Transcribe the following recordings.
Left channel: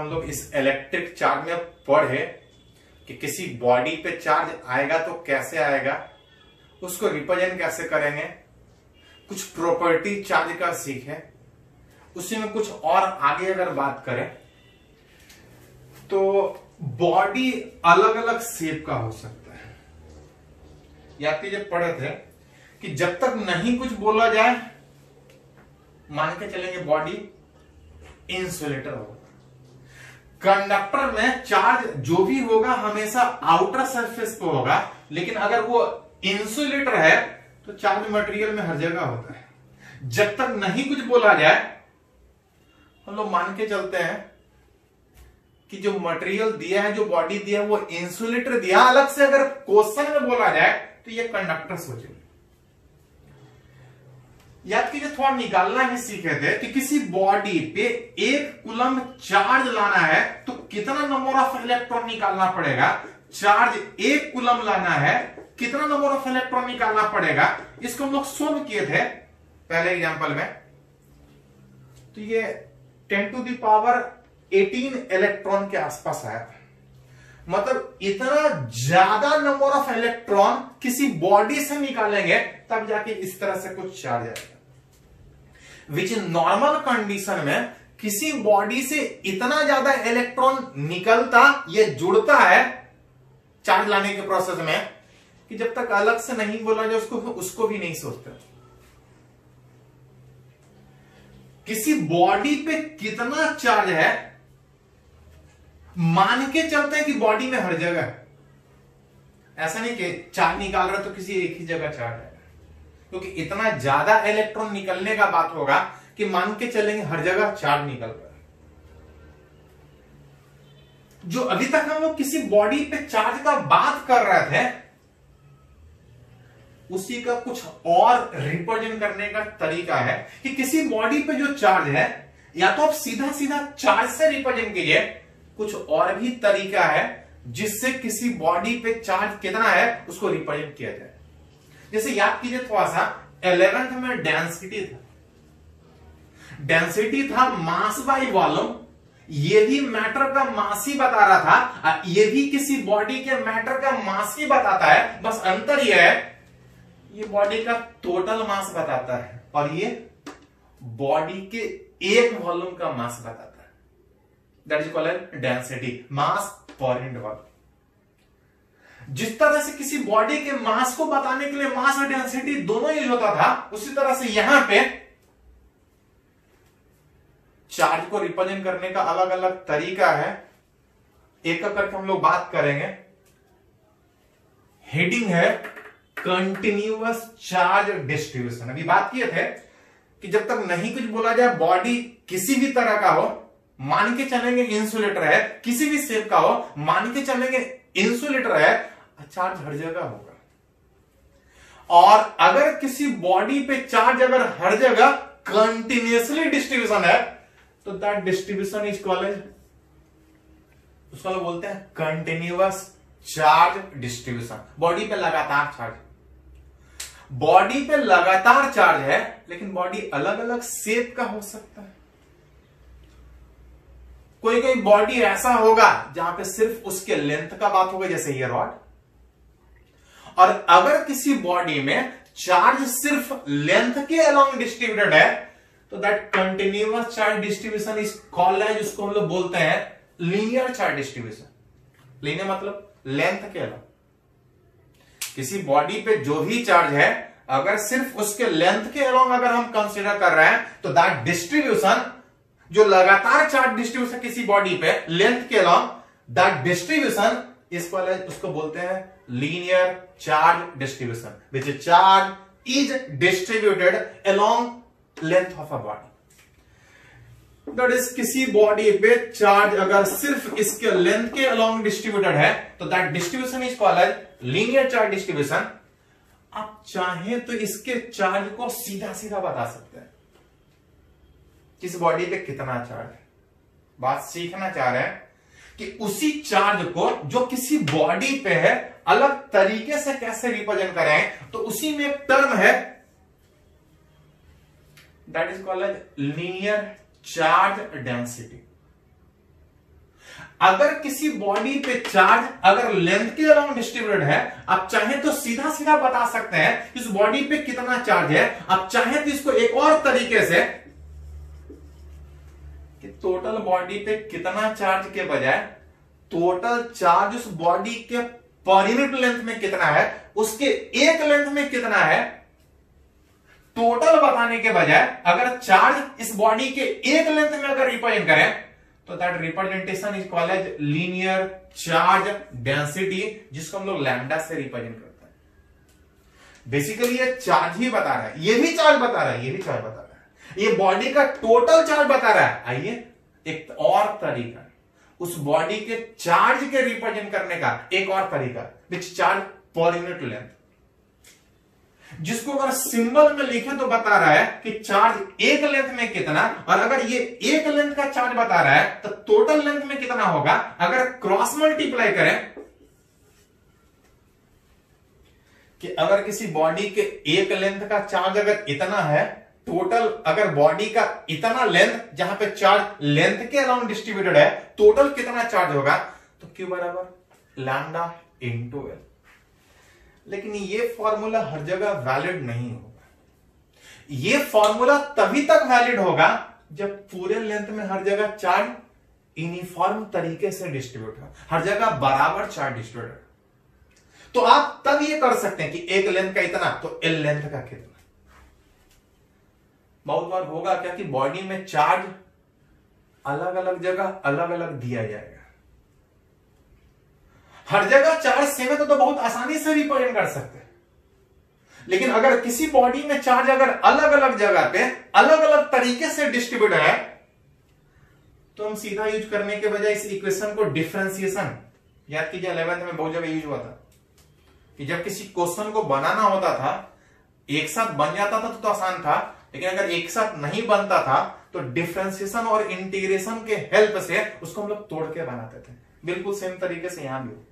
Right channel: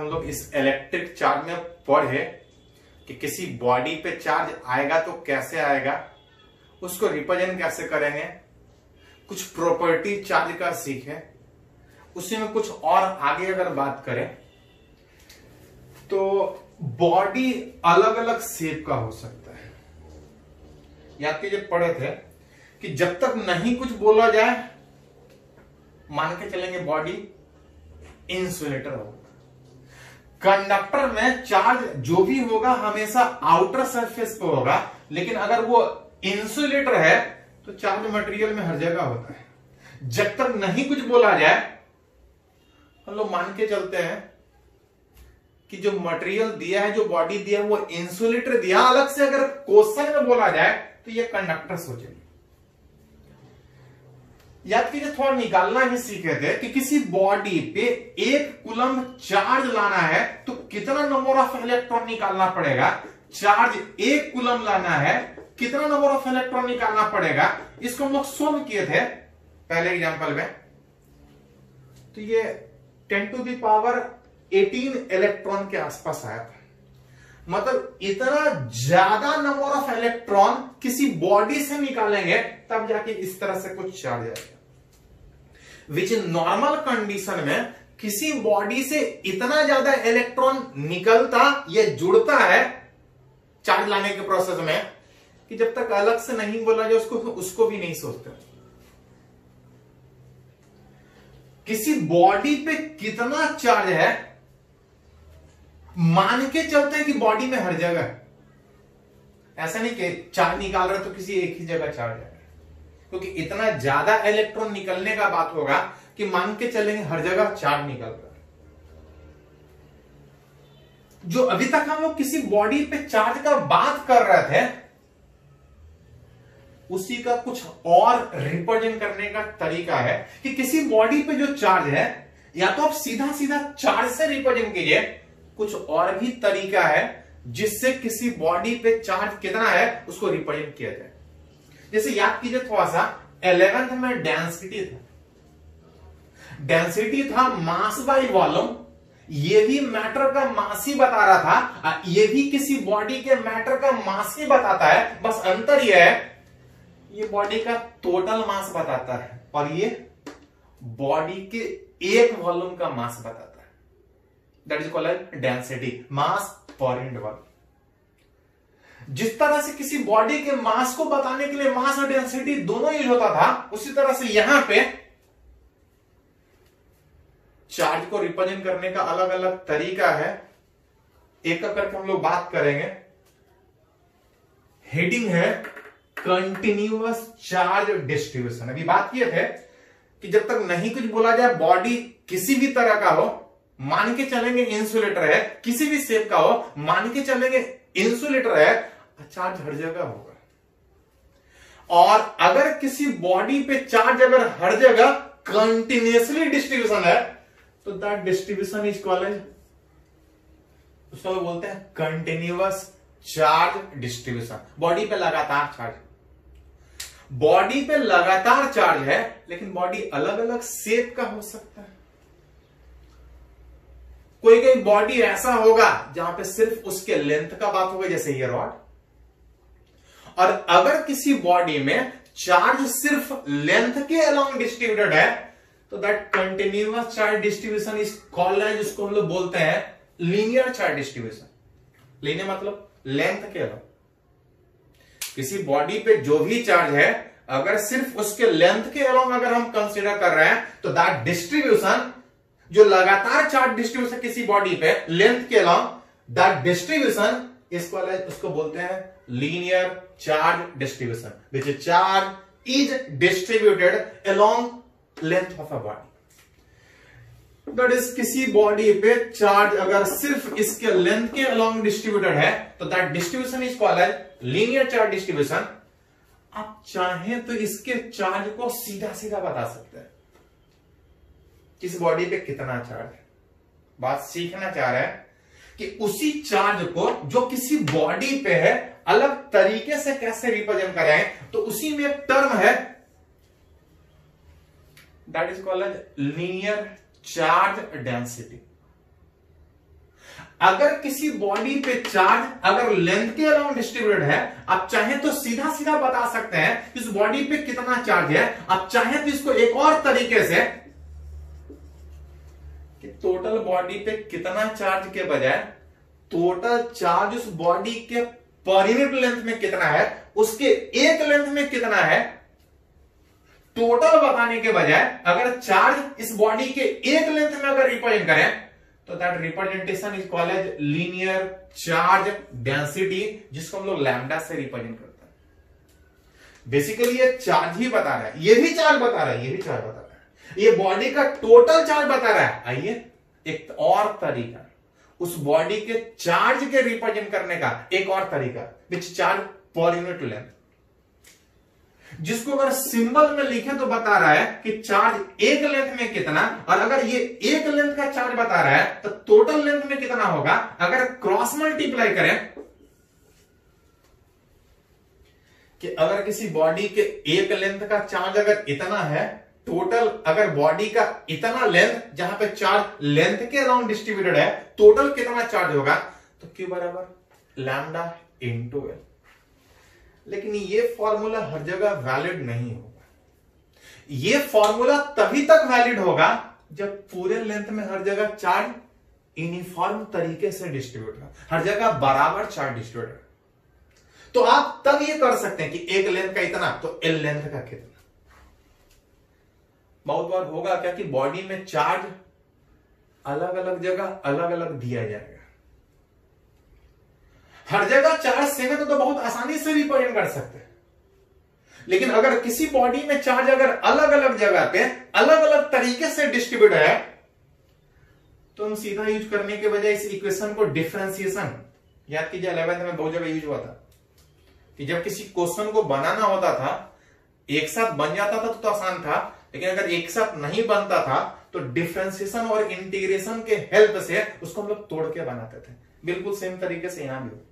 हम लोग इस इलेक्ट्रिक चार्ज में पढ़े कि किसी बॉडी पे चार्ज आएगा तो कैसे आएगा, उसको रिप्रेजेंट कैसे करेंगे, कुछ प्रॉपर्टी चार्ज का सीखे। उसी में कुछ और आगे अगर बात करें तो बॉडी अलग अलग शेप का हो सकता है। याद कीजिए पढ़े थे कि जब तक नहीं कुछ बोला जाए मान के चलेंगे बॉडी इंसुलेटर होगा। कंडक्टर में चार्ज जो भी होगा हमेशा आउटर सरफेस पे होगा, लेकिन अगर वो इंसुलेटर है तो चार्ज मटेरियल में हर जगह होता है। जब तक नहीं कुछ बोला जाए हम लोग मान के चलते हैं कि जो मटेरियल दिया है, जो बॉडी दिया है वो इंसुलेटर दिया। अलग से अगर क्वेश्चन में बोला जाए तो ये कंडक्टर सोचेंगे। याद कीजिए थोड़ा निकालना ही सीखे थे कि किसी बॉडी पे 1 कूलम चार्ज लाना है तो कितना नंबर ऑफ इलेक्ट्रॉन निकालना पड़ेगा। चार्ज 1 कूलम लाना है, कितना नंबर ऑफ इलेक्ट्रॉन निकालना पड़ेगा। इसको हम लोग सोल्व किए थे पहले एग्जांपल में, तो ये 10⁻18 इलेक्ट्रॉन के आसपास आया था। मतलब इतना ज्यादा नंबर ऑफ इलेक्ट्रॉन किसी बॉडी से निकालेंगे तब जाके इस तरह से कुछ चार्ज आएगा। विच नॉर्मल कंडीशन में किसी बॉडी से इतना ज्यादा इलेक्ट्रॉन निकलता, ये जुड़ता है चार्ज लाने के प्रोसेस में कि जब तक अलग से नहीं बोला जाए उसको भी नहीं सोचते। किसी बॉडी पे कितना चार्ज है मान के चलते हैं कि बॉडी में हर जगह। ऐसा नहीं कि चार्ज निकाल रहे तो किसी एक ही जगह चार्ज है, क्योंकि इतना ज्यादा इलेक्ट्रॉन निकलने का बात होगा कि मान के चलेंगे हर जगह चार्ज निकल रहा है। जो अभी तक हम लोग किसी बॉडी पे चार्ज का बात कर रहे थे उसी का कुछ और रिप्रेजेंट करने का तरीका है कि किसी बॉडी पे जो चार्ज है या तो आप सीधा सीधा चार्ज से रिप्रेजेंट कीजिए, कुछ और भी तरीका है जिससे किसी बॉडी पे चार्ज कितना है उसको रिप्रेजेंट किया जाए। जैसे याद कीजिए थोड़ा सा 11th में डेंसिटी था मास बाय वॉल्यूम। ये भी मैटर का मास ही बता रहा था, ये भी किसी बॉडी के मैटर का मास ही बताता है। बस अंतर यह है ये बॉडी का टोटल मास बताता है और ये बॉडी के एक वॉल्यूम का मास बताता है। That is called density, mass per unit volume. जिस तरह से किसी बॉडी के मास को बताने के लिए मास और डेंसिटी दोनों यूज होता था, उसी तरह से यहां पे चार्ज को रिप्रेजेंट करने का अलग अलग तरीका है। एक एक करके हम लोग बात करेंगे। हेडिंग है कंटिन्यूअस चार्ज डिस्ट्रीब्यूशन। अभी बात किए थे कि जब तक नहीं कुछ बोला जाए बॉडी किसी भी तरह का हो, मान के चलेंगे इंसुलेटर है, किसी भी शेप का हो मान के चलेंगे इंसुलेटर है, चार्ज हर जगह होगा। और अगर किसी बॉडी पे चार्ज अगर हर जगह कंटिन्यूअसली डिस्ट्रीब्यूशन है तो दैट डिस्ट्रीब्यूशन इज कॉल्ड, उसको लोग बोलते हैं कंटिन्यूअस चार्ज डिस्ट्रीब्यूशन। बॉडी पे लगातार चार्ज, बॉडी पे लगातार चार्ज है लेकिन बॉडी अलग अलग शेप का हो सकता है। कोई कोई बॉडी ऐसा होगा जहां पे सिर्फ उसके लेंथ का बात होगा, जैसे ये रॉड। और अगर किसी बॉडी में चार्ज सिर्फ लेंथ के अलोंग डिस्ट्रीब्यूटेड है तो that continuous charge distribution is called है, जिसको हम लोग बोलते हैं लीनियर चार्ज डिस्ट्रीब्यूशन। लीनियर मतलब लेंथ के अलोंग। किसी बॉडी पे जो भी चार्ज है अगर सिर्फ उसके लेंथ के अलोंग अगर हम कंसीडर कर रहे हैं तो दैट डिस्ट्रीब्यूशन, जो लगातार चार्ज डिस्ट्रीब्यूशन किसी बॉडी पे लेंथ के अलोंग, दैट डिस्ट्रीब्यूशन उसको बोलते हैं linear charge distribution, which charge is distributed along length of a body. That is किसी बॉडी पे चार्ज अगर सिर्फ इसके लेंथ के अलोंग डिस्ट्रीब्यूटेड है तो that distribution is called linear charge distribution. आप चाहें तो इसके चार्ज को सीधा सीधा बता सकते हैं किस बॉडी पे कितना चार्ज है। बात सीखना चाह रहे हैं कि उसी चार्ज को जो किसी बॉडी पे है अलग तरीके से कैसे रिप्रेजेंट करें, तो उसी में एक टर्म है that is called linear charge density. अगर किसी बॉडी पे चार्ज अगर लेंथ के अलोंग डिस्ट्रीब्यूटेड है, आप चाहें तो सीधा सीधा बता सकते हैं इस बॉडी पे कितना चार्ज है। आप चाहें तो इसको एक और तरीके से कि टोटल बॉडी पे कितना चार्ज के बजाय टोटल चार्ज उस बॉडी के पर यूनिट लेंथ में कितना है, उसके एक लेंथ में कितना है, टोटल बताने के बजाय अगर चार्ज इस बॉडी के एक लेंथ में अगर रिप्रेजेंट करें तो that representation is called as linear charge density, जिसको हम लोग लैम्डा से रिप्रेजेंट करते हैं। बेसिकली ये चार्ज ही बता रहा है, ये भी चार्ज बता रहा है, ये भी चार्ज बता रहा है, ये बॉडी का टोटल चार्ज बता रहा है। आइए एक और तरीका, उस बॉडी के चार्ज के रिप्रेजेंट करने का एक और तरीका, which charge per unit length, जिसको अगर सिंबल में लिखे तो बता रहा है कि चार्ज एक लेंथ में कितना, और अगर ये एक लेंथ का चार्ज बता रहा है तो टोटल लेंथ में कितना होगा। अगर क्रॉस मल्टीप्लाई करें कि अगर किसी बॉडी के एक लेंथ का चार्ज अगर इतना है, टोटल अगर बॉडी का इतना लेंथ जहां पे चार्ज लेंथ के अराउंड डिस्ट्रीब्यूटेड है, टोटल कितना चार्ज होगा, तो Q बराबर लैम्डा इंटू एल। लेकिन ये फॉर्मूला हर जगह वैलिड नहीं होगा। ये फॉर्मूला तभी तक वैलिड होगा जब पूरे लेंथ में हर जगह चार्ज यूनिफॉर्म तरीके से डिस्ट्रीब्यूट हो, हर जगह बराबर चार्ज डिस्ट्रीब्यूट हो। तो आप तब ये कर सकते हैं कि एक लेंथ का इतना तो एल लेंथ का कितना। बहुत बार होगा क्या कि बॉडी में चार्ज अलग अलग जगह अलग अलग दिया जाएगा, हर जगह चार्ज सेम है तो बहुत आसानी से रिप्रेजेंट कर सकते हैं। लेकिन अगर किसी बॉडी में चार्ज अगर अलग अलग जगह पे अलग अलग तरीके से डिस्ट्रीब्यूट है, तो हम सीधा यूज करने के बजाय इस इक्वेशन को डिफरेंशिएशन, याद कीजिए 11th में बहुत जगह यूज हुआ था कि जब किसी क्वेश्चन को बनाना होता था, एक साथ बन जाता था तो आसान था, लेकिन अगर एक साथ नहीं बनता था तो डिफरेंशिएशन और इंटीग्रेशन के हेल्प से उसको हम लोग तोड़ के बनाते थे। बिल्कुल सेम तरीके से यहां भी हो।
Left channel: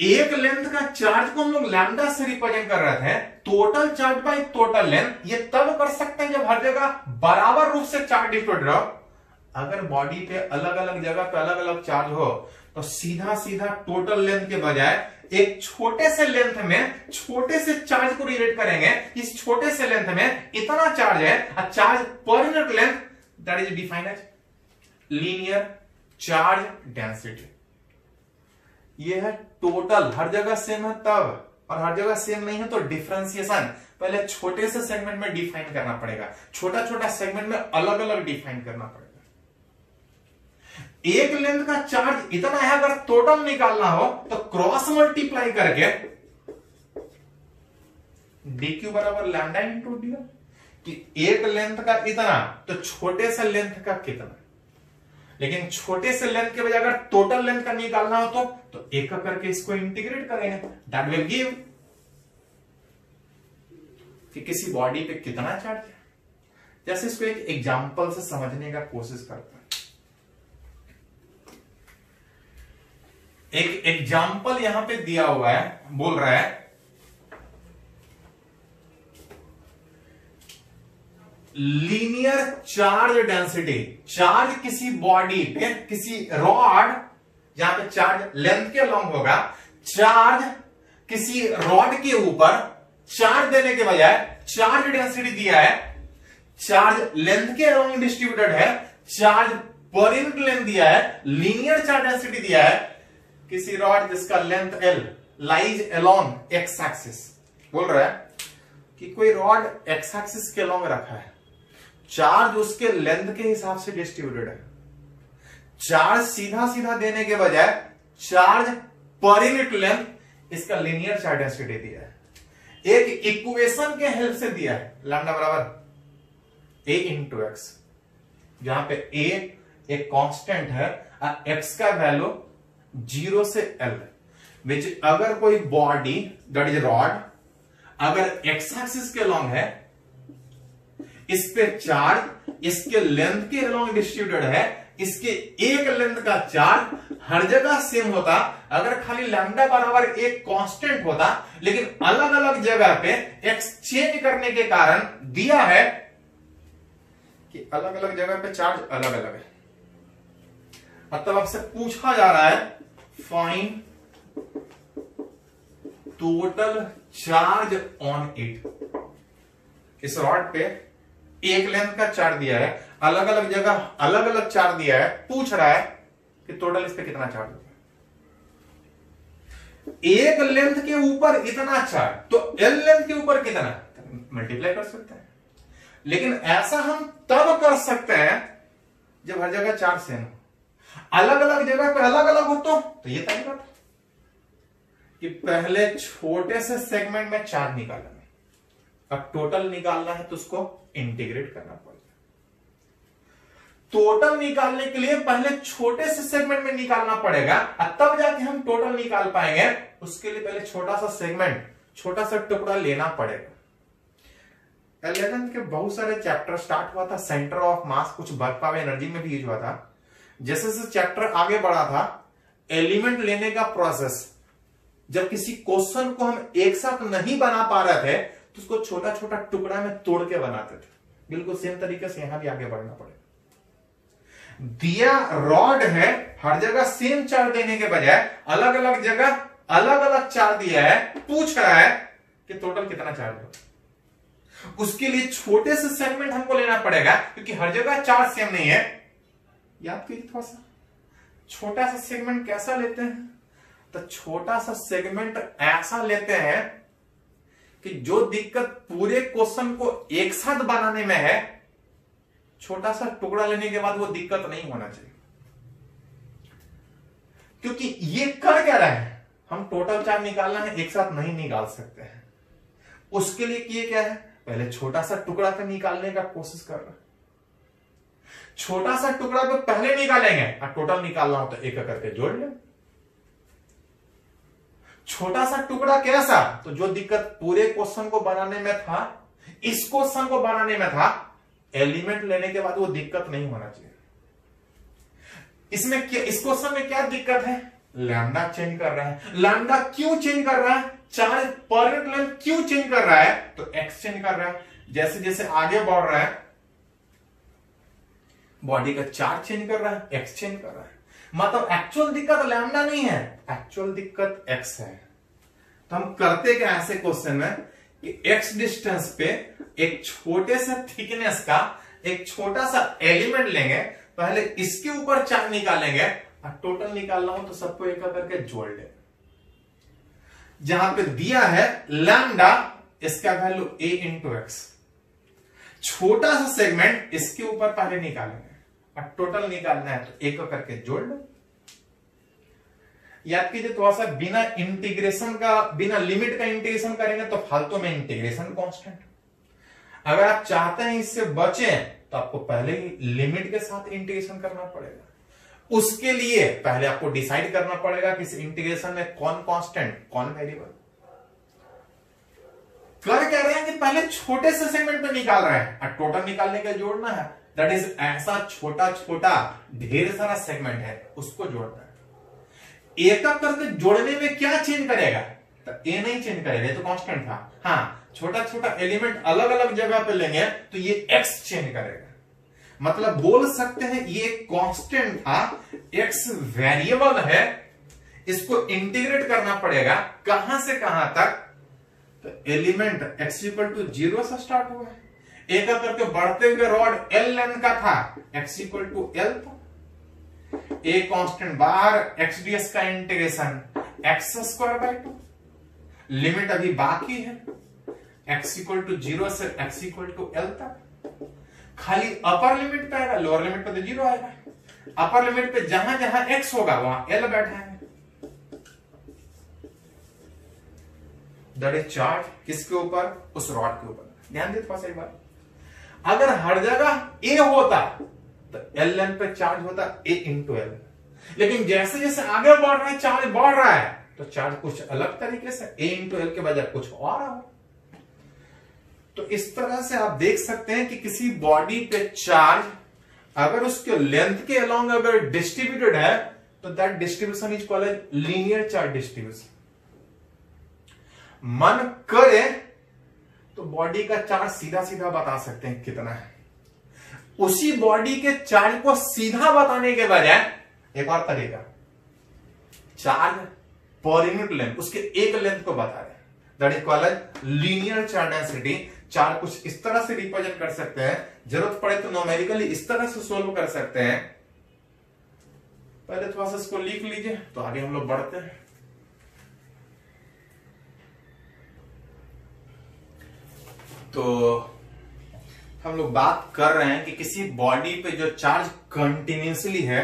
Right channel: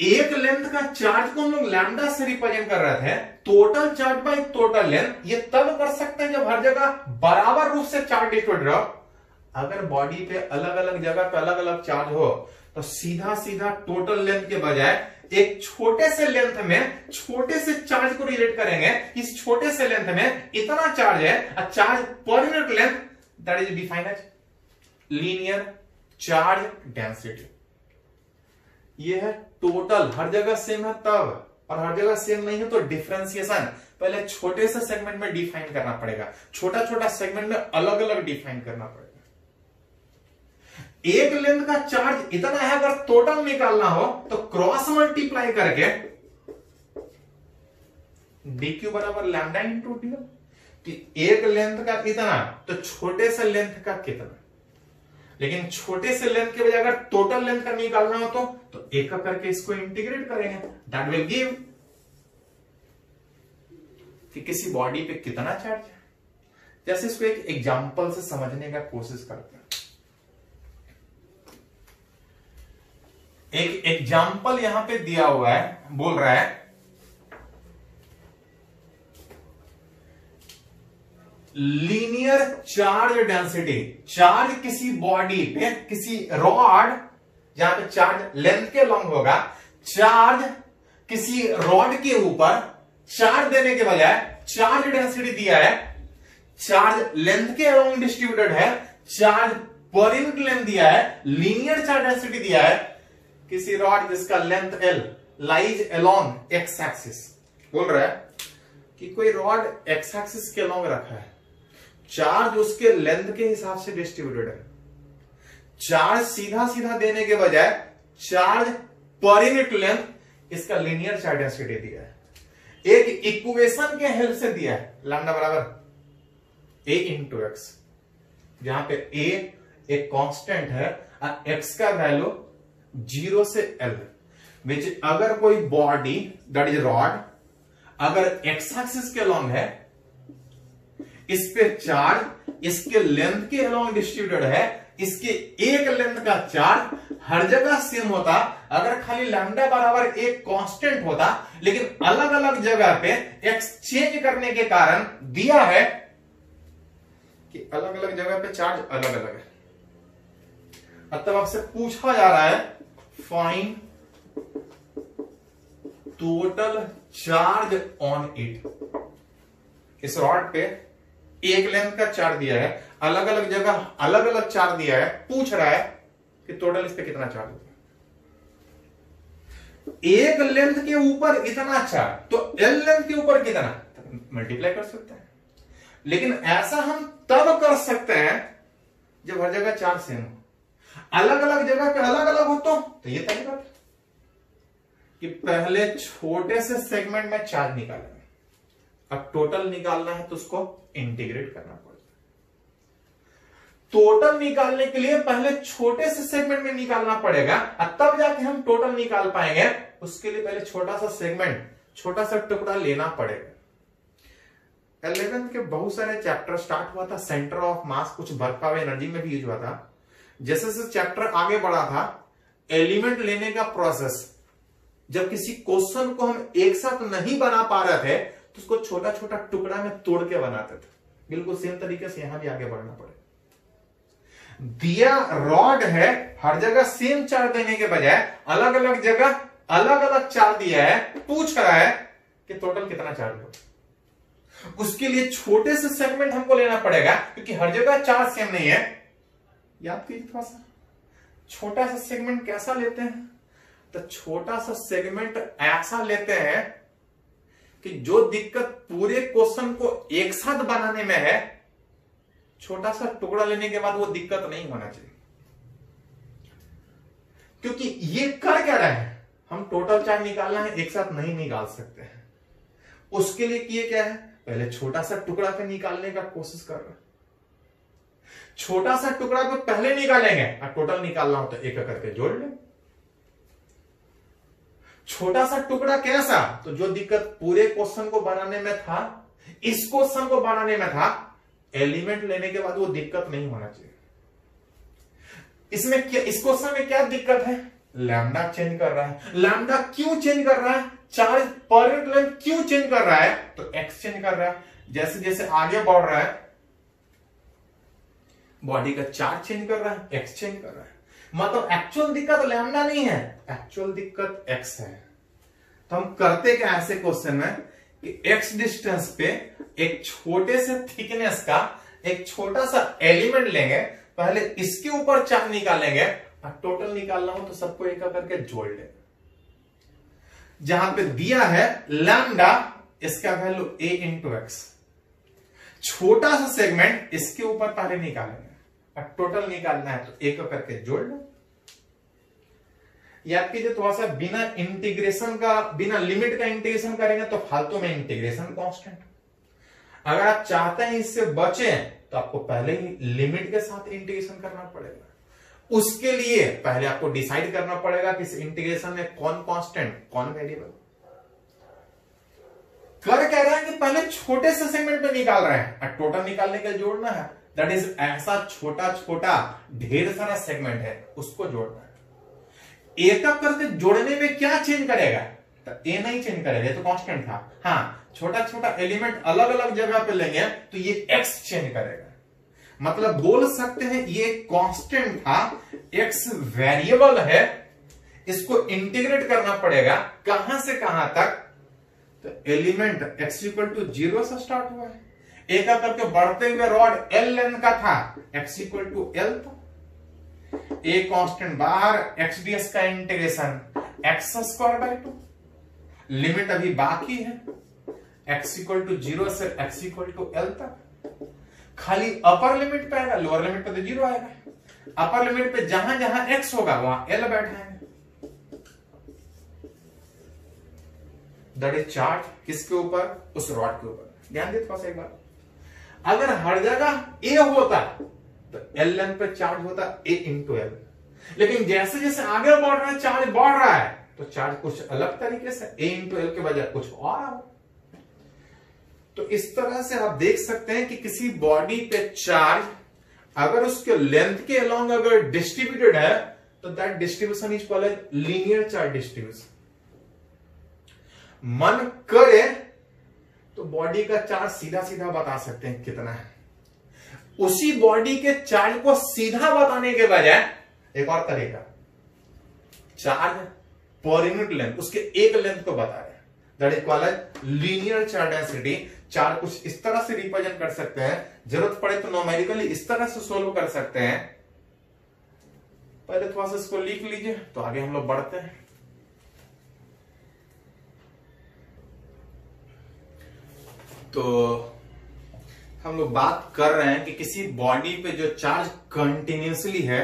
एक लेंथ का चार्ज को हम लोग लैम्डा से रिप्रेजेंट कर रहे थे, total charge by total length, ये तब कर सकते हैं जब हर जगह बराबर रूप से चार्ज डिस्ट्रीब्यूटेड हो। अगर बॉडी पे अलग अलग जगह पे अलग अलग चार्ज हो तो सीधा सीधा टोटल लेंथ के बजाय एक छोटे से लेंथ में छोटे से चार्ज को रिलेट करेंगे। इस छोटे से लेंथ में इतना चार्ज है, a charge per unit length, that is defined as linear charge density. ये है टोटल, हर जगह सेम है तब, और हर जगह सेम नहीं है तो डिफरेंशिएशन पहले छोटे से सेगमेंट में डिफाइन करना पड़ेगा, छोटा छोटा सेगमेंट में अलग अलग डिफाइन करना पड़ेगा। एक लेंथ का चार्ज इतना है, अगर टोटल निकालना हो तो क्रॉस मल्टीप्लाई करके dq बराबर लैम्डा इंटू डी, कि एक लेंथ का इतना तो छोटे से लेंथ का कितना। लेकिन छोटे से लेंथ के बजाय अगर टोटल लेंथ का निकालना हो तो एक करके इसको इंटीग्रेट करेंगे, दैट विल गिव कि किसी बॉडी पे कितना चार्ज है। जैसे इसको एक एग्जांपल से समझने का कोशिश करते हैं। एक एग्जांपल यहां पे दिया हुआ है, बोल रहा है लीनियर चार्ज डेंसिटी, चार्ज किसी बॉडी पे, किसी रॉड जहां पे चार्ज लेंथ के लॉन्ग होगा, चार्ज किसी रॉड के ऊपर चार्ज देने के बजाय चार्ज डेंसिटी दिया है, चार्ज लेंथ के अलोंग डिस्ट्रीब्यूटेड है, चार्ज पर यूनिट लेंथ दिया है, लीनियर चार्ज डेंसिटी दिया है किसी रॉड जिसका length L lies along x axis. बोल रहा है कि कोई रॉड एक्स एक्सिस के अलोंग रखा है, चार्ज उसके लेंथ के हिसाब से डिस्ट्रीब्यूटेड है, चार्ज सीधा सीधा देने के बजाय चार्ज पर यूनिट लेंथ, इसका लीनियर चार्ज डेंसिटी दिया है। एक इक्वेशन के हेल्प से दिया है, लैम्डा बराबर a इंटू एक्स, जहां पे a एक कांस्टेंट है, x का वैल्यू 0 से L, विच अगर कोई बॉडी दैट इज रॉड अगर एक्स एक्सिस के अलोंग है, इस पे चार्ज इसके लेंथ के अलोंग डिस्ट्रीब्यूटेड है, इसके एक लेंथ का चार्ज हर जगह सेम होता, अगर खाली लैम्डा बराबर एक कांस्टेंट होता, लेकिन अलग अलग जगह पे एक्स चेंज करने के कारण दिया है कि अलग अलग जगह पे चार्ज अलग अलग है। मतलब आपसे पूछा जा रहा है find total charge on it. इस रॉड पे एक लेंथ का चार्ज दिया है, अलग अलग जगह अलग अलग चार्ज दिया है, पूछ रहा है कि टोटल इस पे कितना चार्ज होता है। एक लेंथ के ऊपर इतना चार्ज, तो एल लेंथ के ऊपर कितना मल्टीप्लाई कर सकते हैं। लेकिन ऐसा हम तब कर सकते हैं जब हर जगह चार्ज सेम हो। अलग अलग जगह पे अलग अलग हो तो ये तरीका था कि पहले छोटे से सेगमेंट में चार्ज निकालना है, अब टोटल निकालना है तो उसको इंटीग्रेट करना पड़ेगा। टोटल निकालने के लिए पहले छोटे से सेगमेंट में निकालना पड़ेगा और तब जाके हम टोटल निकाल पाएंगे। उसके लिए पहले छोटा सा सेगमेंट, छोटा सा टुकड़ा लेना पड़ेगा। 11th के बहुत सारे चैप्टर स्टार्ट हुआ था सेंटर ऑफ मास, कुछ वर्क पावर एनर्जी में भी यूज हुआ था। जैसे जैसे चैप्टर आगे बढ़ा था, एलिमेंट लेने का प्रोसेस, जब किसी क्वेश्चन को हम एक साथ नहीं बना पा रहे थे तो उसको छोटा छोटा टुकड़ा में तोड़ के बनाते थे। बिल्कुल सेम तरीके से यहां भी आगे बढ़ना पड़ेगा। दिया रॉड है, हर जगह सेम चार्ज देने के बजाय अलग अलग जगह अलग अलग चार्ज दिया है, पूछ रहा है कि टोटल कितना चार्ज होगा। उसके लिए छोटे से सेगमेंट हमको लेना पड़ेगा क्योंकि हर जगह चार्ज सेम नहीं है। याद कीजिए थोड़ा सा, छोटा सा सेगमेंट कैसा लेते हैं, तो छोटा सा सेगमेंट ऐसा लेते हैं कि जो दिक्कत पूरे क्वेश्चन को एक साथ बनाने में है, छोटा सा टुकड़ा लेने के बाद वो दिक्कत नहीं होना चाहिए। क्योंकि ये कर क्या रहे हैं, हम टोटल चार्ज निकालना है, एक साथ नहीं निकाल सकते हैं। उसके लिए किए क्या है, पहले छोटा सा टुकड़ा पे निकालने का कोशिश कर रहे हैं। छोटा सा टुकड़ा पे पहले निकालेंगे और टोटल निकालना हो तो एक करके जोड़ लें। छोटा सा टुकड़ा कैसा, तो जो दिक्कत पूरे क्वेश्चन को बनाने में था, इस क्वेश्चन को बनाने में था, एलिमेंट लेने के बाद वो दिक्कत नहीं होना चाहिए। इसमें क्या, इस क्वेश्चन में क्या दिक्कत है, लैम्डा चेंज कर रहा है। लैम्डा क्यों चेंज कर रहा है, चार्ज पर यूनिट लेंथ क्यों चेंज कर रहा है, तो एक्स चेंज कर रहा है। जैसे जैसे आगे बढ़ रहा है बॉडी का चार्ज चेंज कर रहा है, एक्स चेंज कर रहा है। मतलब एक्चुअल दिक्कत लैम्डा नहीं है, एक्चुअल दिक्कत एक्स है। तो हम करते क्या ऐसे क्वेश्चन में कि एक्स डिस्टेंस पे एक छोटे से थिकनेस का एक छोटा सा एलिमेंट लेंगे, पहले इसके ऊपर चार्ज निकालेंगे और टोटल निकालना हो तो सबको एक करके जोड़ लेंगे। जहां पे दिया है लैम्डा, इसका वैल्यू a इंटू एक्स, छोटा सा सेगमेंट इसके ऊपर पहले निकालेंगे और टोटल निकालना है तो एक करके जोड़ लो। याद कीजिए थोड़ा सा, बिना इंटीग्रेशन का, बिना लिमिट का इंटीग्रेशन करेंगे तो फालतू में इंटीग्रेशन कांस्टेंट। अगर आप चाहते हैं इससे बचे तो आपको पहले ही लिमिट के साथ इंटीग्रेशन करना पड़ेगा। उसके लिए पहले आपको डिसाइड करना पड़ेगा कि इस इंटीग्रेशन में कौन कांस्टेंट कौन वेरिएबल। कर कह रहे हैं कि पहले छोटे से सेगमेंट में निकाल रहे हैं और टोटल निकालने का जोड़ना है। दैट इज ऐसा छोटा छोटा ढेर सारा सेगमेंट है, उसको जोड़ना है। एक करके जोड़ने में क्या चेंज करेगा, तो ए नहीं चेंज करेगा, ये तो कांस्टेंट था। हाँ, छोटा छोटा एलिमेंट अलग अलग जगह पे लेंगे तो ये एक्स चेंज करेगा। मतलब बोल सकते हैं ये कांस्टेंट था, एक्स वेरिएबल है, इसको इंटीग्रेट करना पड़ेगा। कहां से कहां तक, तो एलिमेंट x इक्वल टू 0 से स्टार्ट हुआ है, एक करके बढ़ते हुए रॉड एल लेंथ का था, x इक्वल टू एल था। ए कांस्टेंट बाहर, एक्स डीएस का integration x square by 2, limit अभी बाकी है, x इक्वल टू 0 से x इक्वल टू एल तक। खाली अपर लिमिट पे आएगा, लोअर लिमिट पे तो 0 आएगा। अपर लिमिट पे जहां जहां x होगा वहां एल बैठेंगे। दैट इज चार्ज किसके ऊपर, उस रॉड के ऊपर। ध्यान दे थोड़ा सा एक बार, अगर हर जगह ए होता तो एल लेंथ पे चार्ज होता ए इंटू एल। लेकिन जैसे जैसे आगे बढ़ रहा है, चार्ज बढ़ रहा है, तो चार्ज कुछ अलग तरीके से ए इंटू एल के बजाय कुछ और आ। तो इस तरह से आप देख सकते हैं कि किसी बॉडी पे चार्ज अगर उसके लेंथ के अलोंग अगर डिस्ट्रीब्यूटेड है तो that distribution is called as linear charge distribution. मन करे तो बॉडी का चार्ज सीधा सीधा बता सकते हैं कितना है। उसी बॉडी के चार्ज को सीधा बताने के बजाय एक और तरीका, चार्ज पर यूनिट लेंथ, उसके एक लेंथ को बता रहे हैं, that is called as linear charge density. Charge कुछ इस तरह से रिप्रेजेंट कर सकते हैं, जरूरत पड़े तो न्यूमेरिकली इस तरह से सोल्व कर सकते हैं। पहले थोड़ा सा इसको लिख लीजिए तो आगे हम लोग बढ़ते हैं। तो हम लोग बात कर रहे हैं कि किसी बॉडी पे जो चार्ज कंटिन्यूसली है,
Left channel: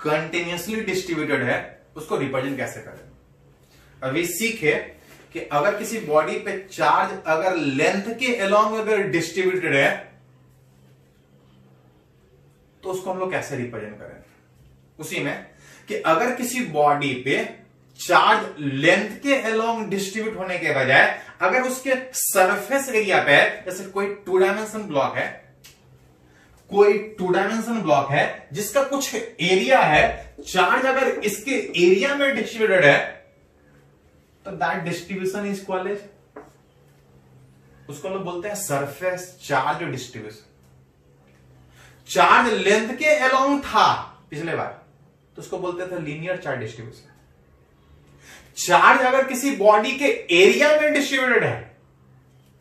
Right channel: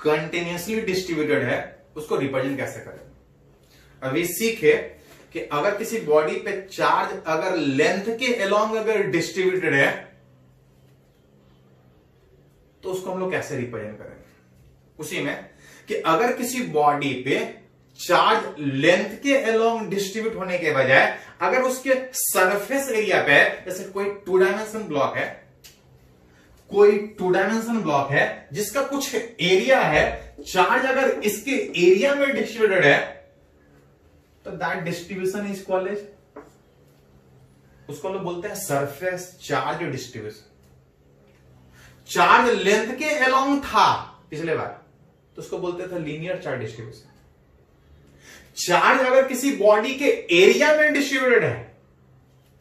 कंटिन्यूसली डिस्ट्रीब्यूटेड है, उसको रिप्रेजेंट कैसे करें। अभी सीखे कि अगर किसी बॉडी पे चार्ज अगर लेंथ के अलोंग अगर डिस्ट्रीब्यूटेड है तो उसको हम लोग कैसे रिप्रेजेंट करें। उसी में कि अगर किसी बॉडी पे चार्ज लेंथ के अलोंग डिस्ट्रीब्यूट होने के बजाय अगर उसके सरफेस एरिया पे, जैसे कोई 2 डायमेंशन ब्लॉक है, कोई 2 डायमेंशन ब्लॉक है जिसका कुछ एरिया है, चार्ज अगर इसके एरिया में डिस्ट्रीब्यूटेड है तो that distribution is called as, उसको लोग बोलते हैं surface charge distribution. Charge length के अलोंग था पिछले बार तो उसको बोलते थे लीनियर चार्ज डिस्ट्रीब्यूशन। चार्ज अगर किसी बॉडी के एरिया में डिस्ट्रीब्यूटेड है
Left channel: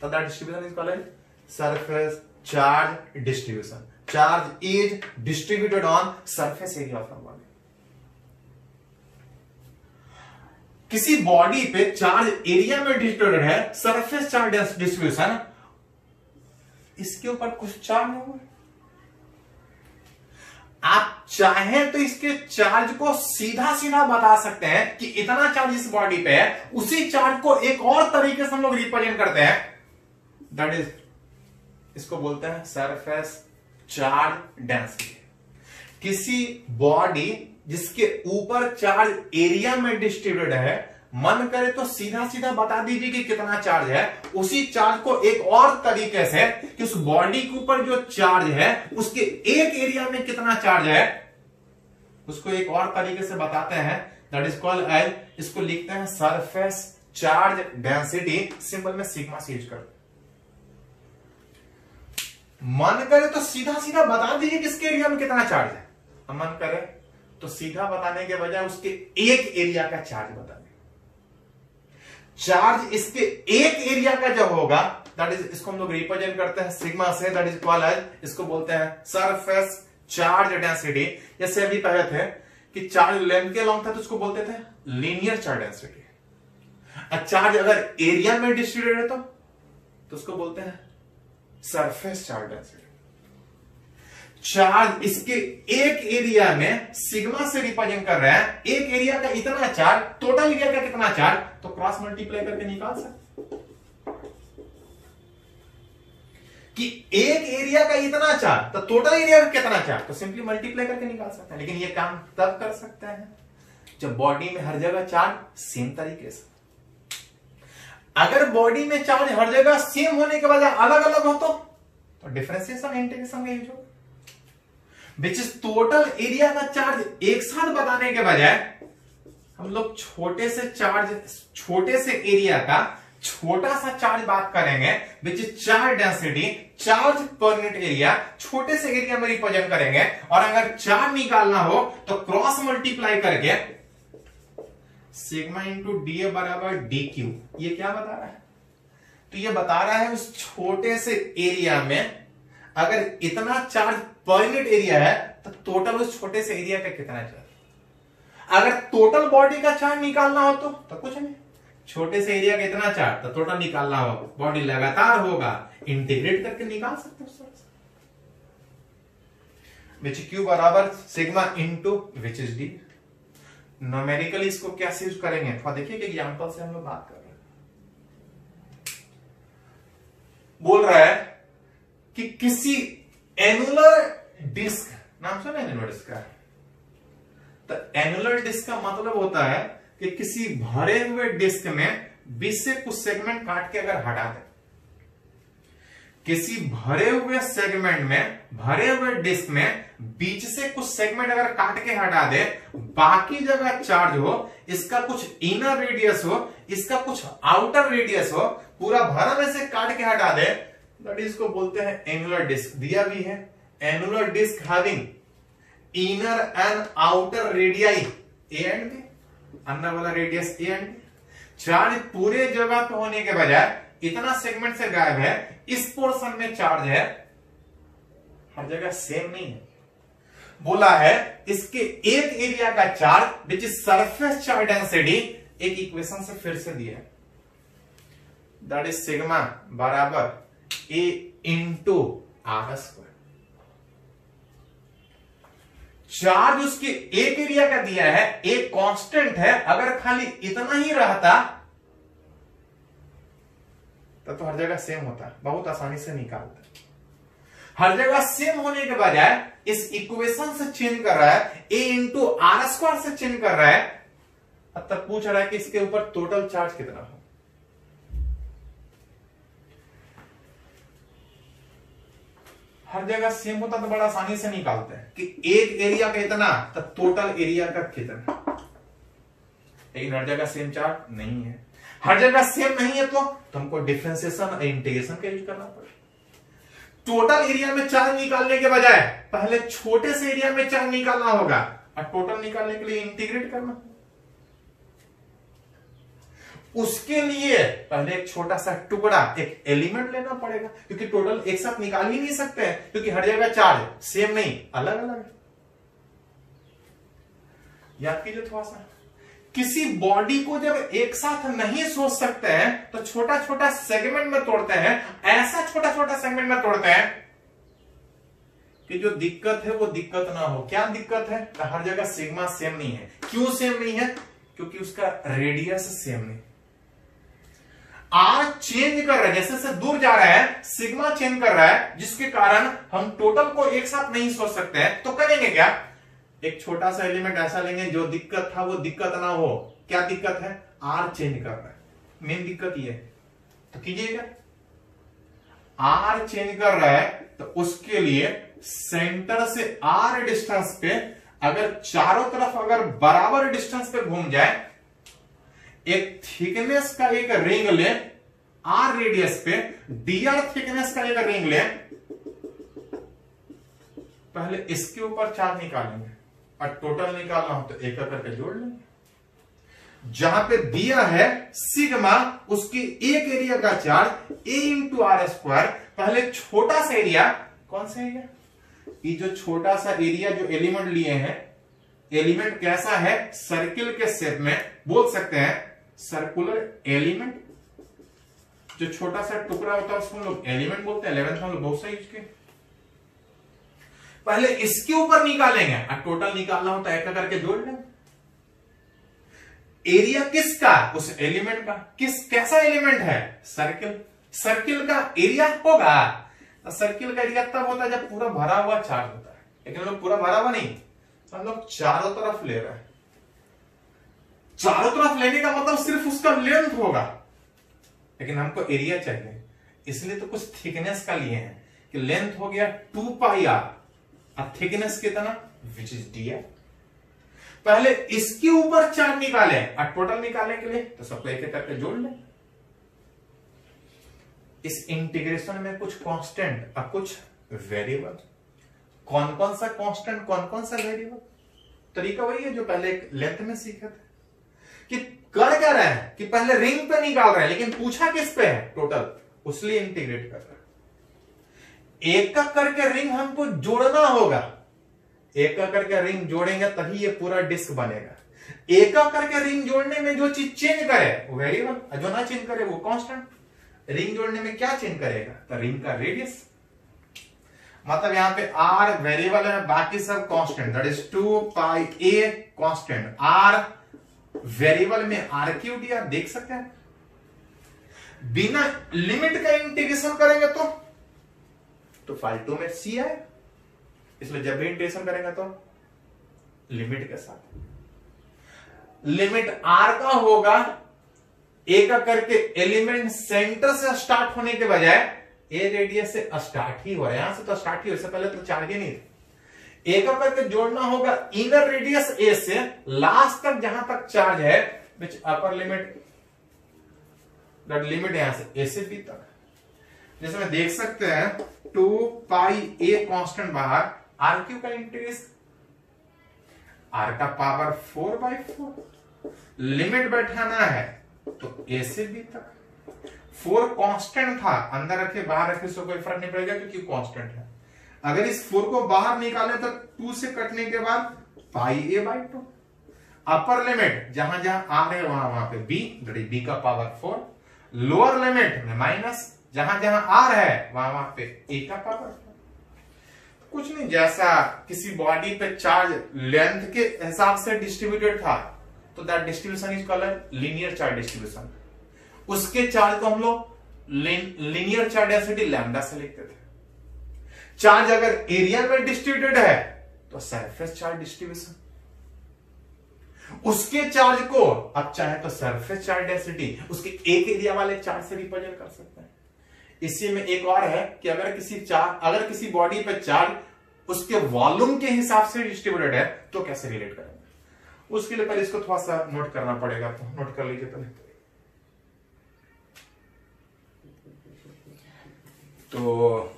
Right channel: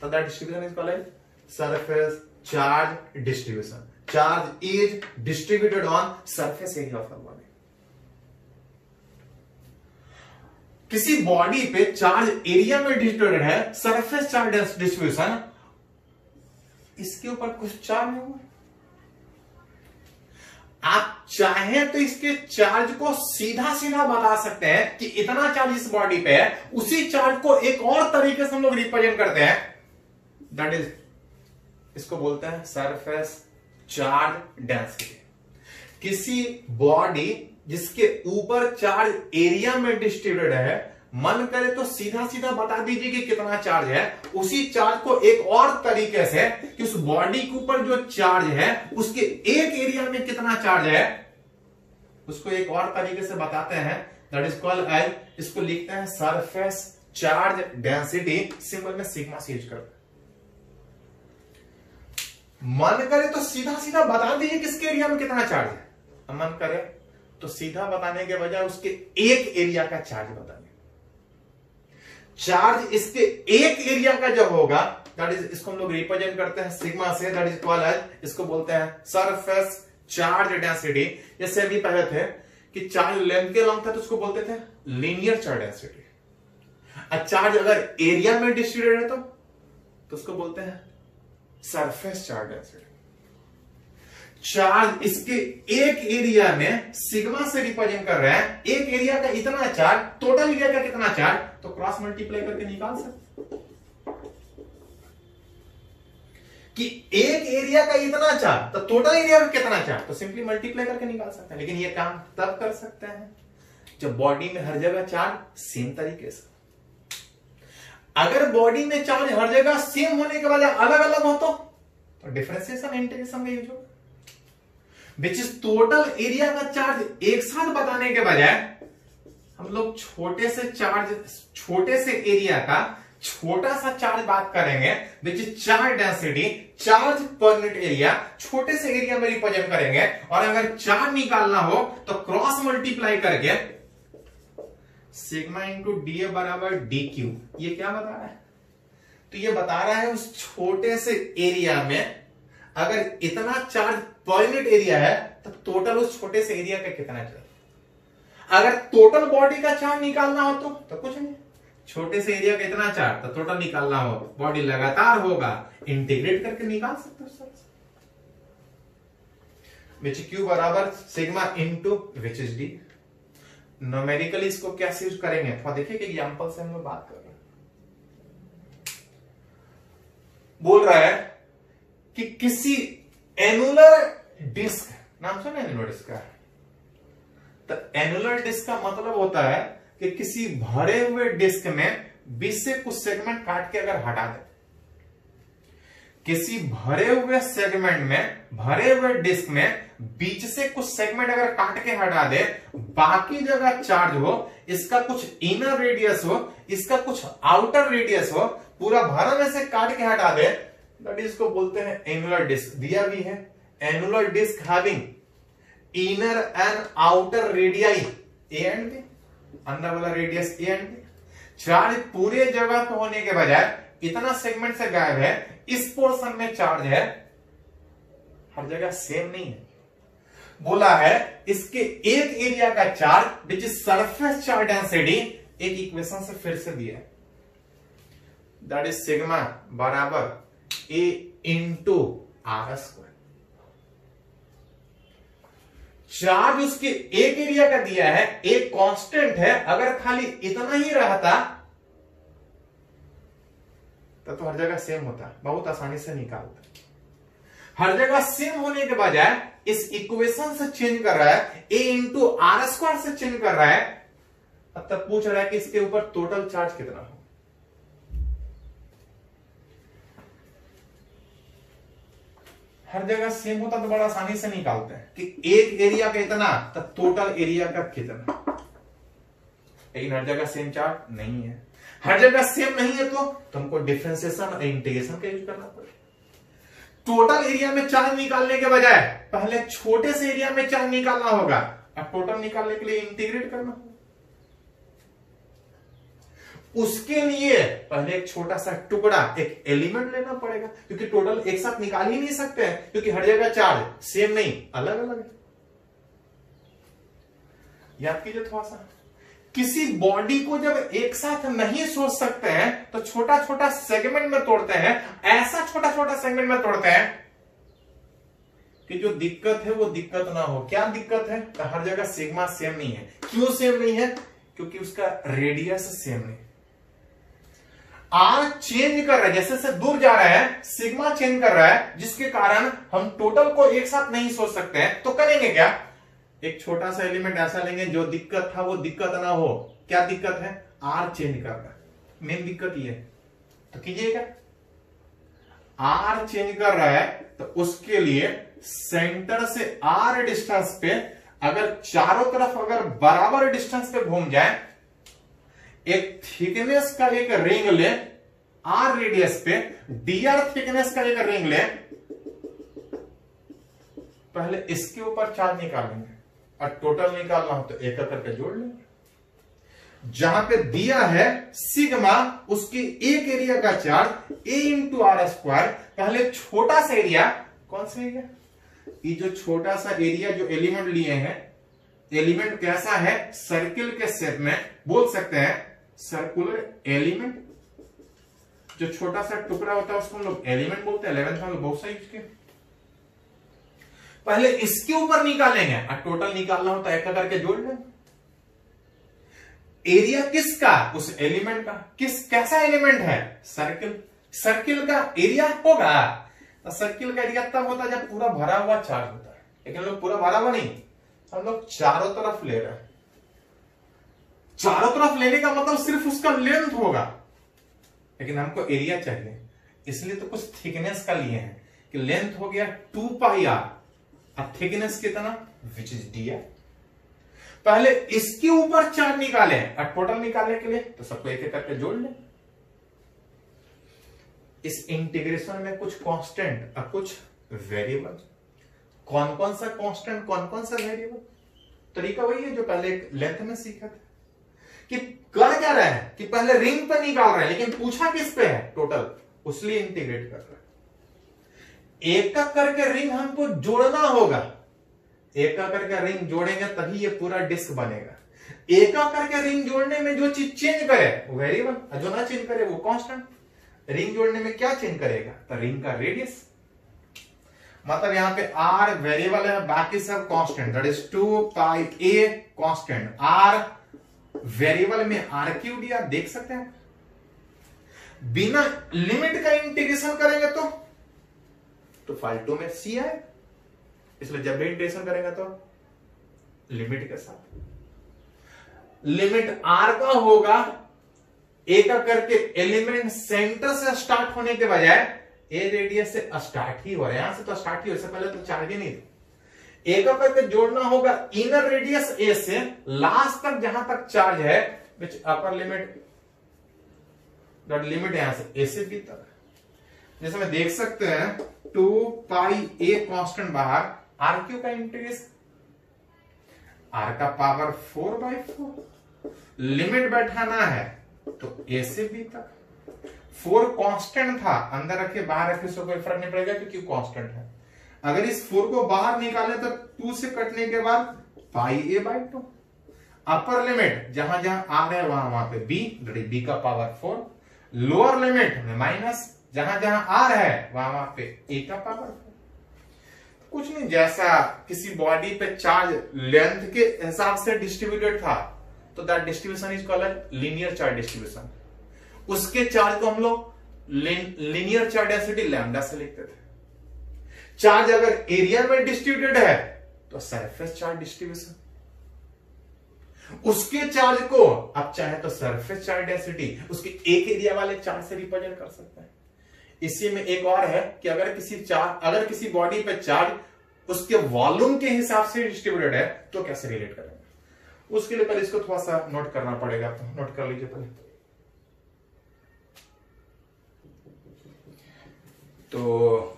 तो that distribution is called as surface charge distribution. Charge is distributed on surface area of body. किसी बॉडी पे चार्ज एरिया में डिस्ट्रीब्यूटेड है, सरफेस चार्ज डिस्ट्रीब्यूशन, इसके ऊपर कुछ चार्ज नहीं हुआ। आप चाहें तो इसके चार्ज को सीधा सीधा बता सकते हैं कि इतना चार्ज इस बॉडी पे है। उसी चार्ज को एक और तरीके से हम लोग रिप्रेजेंट करते हैं, दैट इज, इसको बोलते हैं सरफेस चार्ज डेंसिटी। किसी बॉडी जिसके ऊपर चार्ज एरिया में डिस्ट्रीब्यूटेड है, मन करे तो सीधा सीधा बता दीजिए कि कितना चार्ज है। उसी चार्ज को एक और तरीके से कि उस बॉडी के ऊपर जो चार्ज है उसके एक एरिया में कितना चार्ज है, उसको एक और तरीके से बताते हैं, दैट इज कॉल्ड एज, इसको लिखते हैं सरफेस चार्ज डेंसिटी। सिंपल में सिग्मा से यूज करते हैं। मन करे तो सीधा सीधा बता दीजिए किसके एरिया में कितना चार्ज है, मन करे तो सीधा बताने के बजाय उसके एक एरिया का चार्ज बता दें। चार्ज इसके एक एरिया का जब होगा, दैट इज, इसको हम लोग रिप्रेजेंट करते हैं सिग्मा से, दैट इज कॉल्ड एज, इसको बोलते हैं सरफेस चार्ज डेंसिटी। जैसे अभी पहले थे कि चार्ज लेंथ के लॉन्ग था तो उसको बोलते थे लीनियर चार्ज डेंसिटी। चार्ज अगर एरिया में डिस्ट्रीब्यूटेड है तो उसको बोलते हैं सरफेस चार्ज डेंसिटी। चार्ज इसके एक एरिया में सिग्मा से रिप्रेजेंट कर रहा है, एक एरिया का इतना चार्ज, टोटल एरिया का कितना चार्ज, तो क्रॉस मल्टीप्लाई करके निकाल सकते कि एक एरिया का इतना चार्ज तो टोटल एरिया का कितना चार्ज, तो सिंपली मल्टीप्लाई करके निकाल सकते हैं। लेकिन ये काम तब कर सकते हैं जब बॉडी में हर जगह चार्ज सेम तरीके से। अगर बॉडी में चार्ज हर जगह सेम होने के बजाय अलग अलग हो तो डिफरेंशिएशन इंटीग्रेशन का यूज होगा, विच इज टोटल एरिया का चार्ज एक साथ बताने के बजाय हम लोग छोटे से चार्ज, छोटे से एरिया का छोटा सा चार्ज बात करेंगे, which is charge density, charge per unit area, छोटे से एरिया में रिप्रेजेंट करेंगे। और अगर चार्ज निकालना हो तो क्रॉस मल्टीप्लाई करके सिग्मा इंटू डी ए बराबर डी क्यू। ये क्या बता रहा है, तो ये बता रहा है उस छोटे से एरिया में अगर इतना चार्ज पर यूनिट एरिया है तो टोटल उस छोटे से एरिया का कितना चार्ज। अगर टोटल बॉडी का चार्ज निकालना हो तो कुछ नहीं, छोटे से एरिया का इतना चार्ज तो टोटल निकालना हो, बॉडी लगातार होगा, इंटीग्रेट करके निकाल सकते हो। विच क्यू बराबर sigma into which is D. Numerically इसको कैसे यूज करेंगे, थोड़ा देखिए कि एग्जांपल से हम लोग बात कर रहे हैं। बोल रहा है कि किसी एनुलर डिस्क, नाम सुना एनुलर डिस्क का, तो एनुलर डिस्क का मतलब होता है कि किसी भरे हुए डिस्क में बीच से कुछ सेगमेंट काट के अगर हटा दे, किसी भरे हुए सेगमेंट में, भरे हुए डिस्क में बीच से कुछ सेगमेंट अगर काट के हटा दे, बाकी जगह चार्ज हो, इसका कुछ इनर रेडियस हो, इसका कुछ आउटर रेडियस हो, पूरा भरा में से काट के हटा दे, दैट इज को बोलते हैं एनुलर डिस्क। दिया भी है annular disc having inner and outer radii A and B, अंदर वाला radius A and B. Charge पूरे जगह पे होने के बजाय इतना सेगमेंट से गायब है, इस पोर्शन में चार्ज है, हर जगह सेम नहीं है। बोला है इसके एक एरिया का charge which is surface charge density, एक इक्वेशन से फिर से दिया है, दैट इज सिग्मा बराबर ए इंटू आर स्क्वायर। चार्ज उसके एक एरिया का दिया है, एक कांस्टेंट है, अगर खाली इतना ही रहता तो हर जगह सेम होता, बहुत आसानी से निकालता। हर जगह सेम होने के बजाय इस इक्वेशन से चेंज कर रहा है, ए इंटू आर स्क्वायर से चेंज कर रहा है, तब पूछ रहा है कि इसके ऊपर टोटल चार्ज कितना हो। हर जगह सेम होता तो बड़ा आसानी से निकालते हैं कि एक एरिया का इतना तो टोटल एरिया का कितना, लेकिन हर जगह सेम चार्ज नहीं है। हर जगह सेम नहीं है तो हमको डिफरेंशिएशन और इंटीग्रेशन का यूज करना पड़ेगा। टोटल एरिया में चार्ज निकालने के बजाय पहले छोटे से एरिया में चार्ज निकालना होगा, और टोटल निकालने के लिए इंटीग्रेट करना होगा। उसके लिए पहले एक छोटा सा टुकड़ा, एक एलिमेंट लेना पड़ेगा, क्योंकि टोटल एक साथ निकाल ही नहीं सकते हैं, क्योंकि हर जगह चार्ज सेम नहीं, अलग अलग है। याद कीजिए थोड़ा सा, किसी बॉडी को जब एक साथ नहीं सोच सकते हैं तो छोटा छोटा सेगमेंट में तोड़ते हैं, ऐसा छोटा छोटा सेगमेंट में तोड़ते हैं कि जो दिक्कत है वो दिक्कत ना हो। क्या दिक्कत है? तो हर जगह सिग्मा सेम नहीं है। क्यों सेम नहीं है? क्योंकि उसका रेडियस सेम नहीं। आर चेंज कर रहा है, जैसे से दूर जा रहा है सिग्मा चेंज कर रहा है, जिसके कारण हम टोटल को एक साथ नहीं सोच सकते हैं। तो करेंगे क्या? एक छोटा सा एलिमेंट ऐसा लेंगे जो दिक्कत था वो दिक्कत ना हो। क्या दिक्कत है? आर चेंज कर रहा है, मेन दिक्कत ये है। तो कीजिएगा, आर चेंज कर रहा है तो उसके लिए सेंटर से आर डिस्टेंस पे अगर चारों तरफ अगर बराबर डिस्टेंस पे घूम जाए, एक थिकनेस का एक रिंग ले, आर रेडियस पे dr थिकनेस का एक रिंग ले, पहले इसके ऊपर चार्ज निकालेंगे और टोटल निकालना हो तो एक करके जोड़ लेंगे। जहां पे दिया है सिग्मा, उसके एक एरिया का charge a into R square. पहले छोटा सा एरिया, कौन सा एरिया? ये जो छोटा सा एरिया जो एलिमेंट लिए हैं, एलिमेंट कैसा है? सर्किल के शेप में, बोल सकते हैं सर्कुलर एलिमेंट। जो छोटा सा टुकड़ा होता है उसको हम लोग एलिमेंट बोलते हैं। 11th में हम लोग बहुत सारी यूज किए। पहले इसके ऊपर निकालेंगे और टोटल निकालना होता है एक करके जोड़ लेंगे। एरिया किसका? उस एलिमेंट का। कैसा एलिमेंट है? सर्किल। सर्किल का एरिया होगा तो सर्किल का एरिया तब होता है जब पूरा भरा हुआ चार्ज होता है, लेकिन हम लोग पूरा भरा हुआ नहीं, हम लोग चारों तरफ ले रहे हैं। चारों तरफ लेने का मतलब सिर्फ उसका लेंथ होगा, लेकिन हमको एरिया चाहिए, इसलिए तो कुछ थिकनेस का लिए हैं कि लेंथ हो गया 2 पाई आर और थिकनेस कितना? Which is dr। पहले इसके ऊपर चार्ज निकाले और टोटल निकालने के लिए तो सबको एक एक करके जोड़ लें। इस इंटीग्रेशन में कुछ कांस्टेंट और कुछ वेरिएबल। कौन कौन सा कांस्टेंट, कौन कौन सा वेरिएबल? तरीका वही है जो पहले लेंथ में सीखे थे कि कर क्या रहे हैं कि पहले रिंग पे निकाल रहे हैं, लेकिन पूछा किस पे है? टोटल, उसलिए इंटीग्रेट कर रहे हैं। एक का करके रिंग हमको जोड़ना होगा, एक का करके रिंग जोड़ेंगे तभी ये पूरा डिस्क बनेगा। एक का करके रिंग जोड़ने में जो चीज चेंज करे वो वेरिएबल, जो ना चेंज करे वो कांस्टेंट। रिंग जोड़ने में क्या चेंज करेगा? तो रिंग का रेडियस। मतलब यहां पे आर वेरिएबल है, बाकी सब constant, that is 2 pi a constant. R variable में आर क्यू dr देख सकते हैं। बिना लिमिट का इंटीग्रेशन करेंगे तो फाइल 2 में c है, इसलिए जब भी इंटीग्रेशन करेंगे तो लिमिट के साथ। लिमिट r का होगा a का करके एलिमेंट सेंटर से स्टार्ट होने के बजाय a रेडियस से स्टार्ट ही हो रहा है, यहां से तो स्टार्ट ही हो, इससे पहले तो चार्ज ही नहीं था। एक करके जोड़ना होगा इनर रेडियस a से लास्ट तक जहां तक चार्ज है, विच अपर लिमिट, दैट लिमिट यहां से a से b तक। जैसे मैं देख सकते हैं 2 पाई ए कांस्टेंट बाहर, आर क्यू का इंटीग्रेशन, आर का पावर 4/4, लिमिट बैठाना है तो ए से बी तक। 4 कांस्टेंट था, अंदर रखे बाहर रखे सो कोई फर्क नहीं पड़ेगा क्योंकि कांस्टेंट है। अगर इस 4 को बाहर निकाले तो 2 से कटने के बाद पाई ए बाई 2। अपर लिमिट जहां जहां आर है वहां पे बी, बी का पावर 4। लोअर लिमिट में माइनस, जहां जहां आर है वहां पे ए का पावर 4। कुछ नहीं, जैसा किसी बॉडी पे चार्ज लेंथ के हिसाब से डिस्ट्रीब्यूटेड था तो that distribution is called linear charge distribution. उसके चार्ज को हम लोग लीनियर चार्ज डेंसिटी लैम्डा से लिखते थे। चार्ज अगर एरिया में डिस्ट्रीब्यूटेड है तो सरफेस चार्ज डिस्ट्रीब्यूशन। उसके चार्ज को अब चाहे तो सरफेस चार्ज डेंसिटी उसके एक एरिया वाले चार्ज से रिप्रेजेंट कर सकते हैं। इसी में एक और है कि अगर किसी बॉडी पे चार्ज उसके वॉल्यूम के हिसाब से डिस्ट्रीब्यूटेड है तो कैसे रिलेट करेंगे, उसके लिए पहले इसको थोड़ा सा नोट करना पड़ेगा, तो नोट कर लीजिए पहले। तो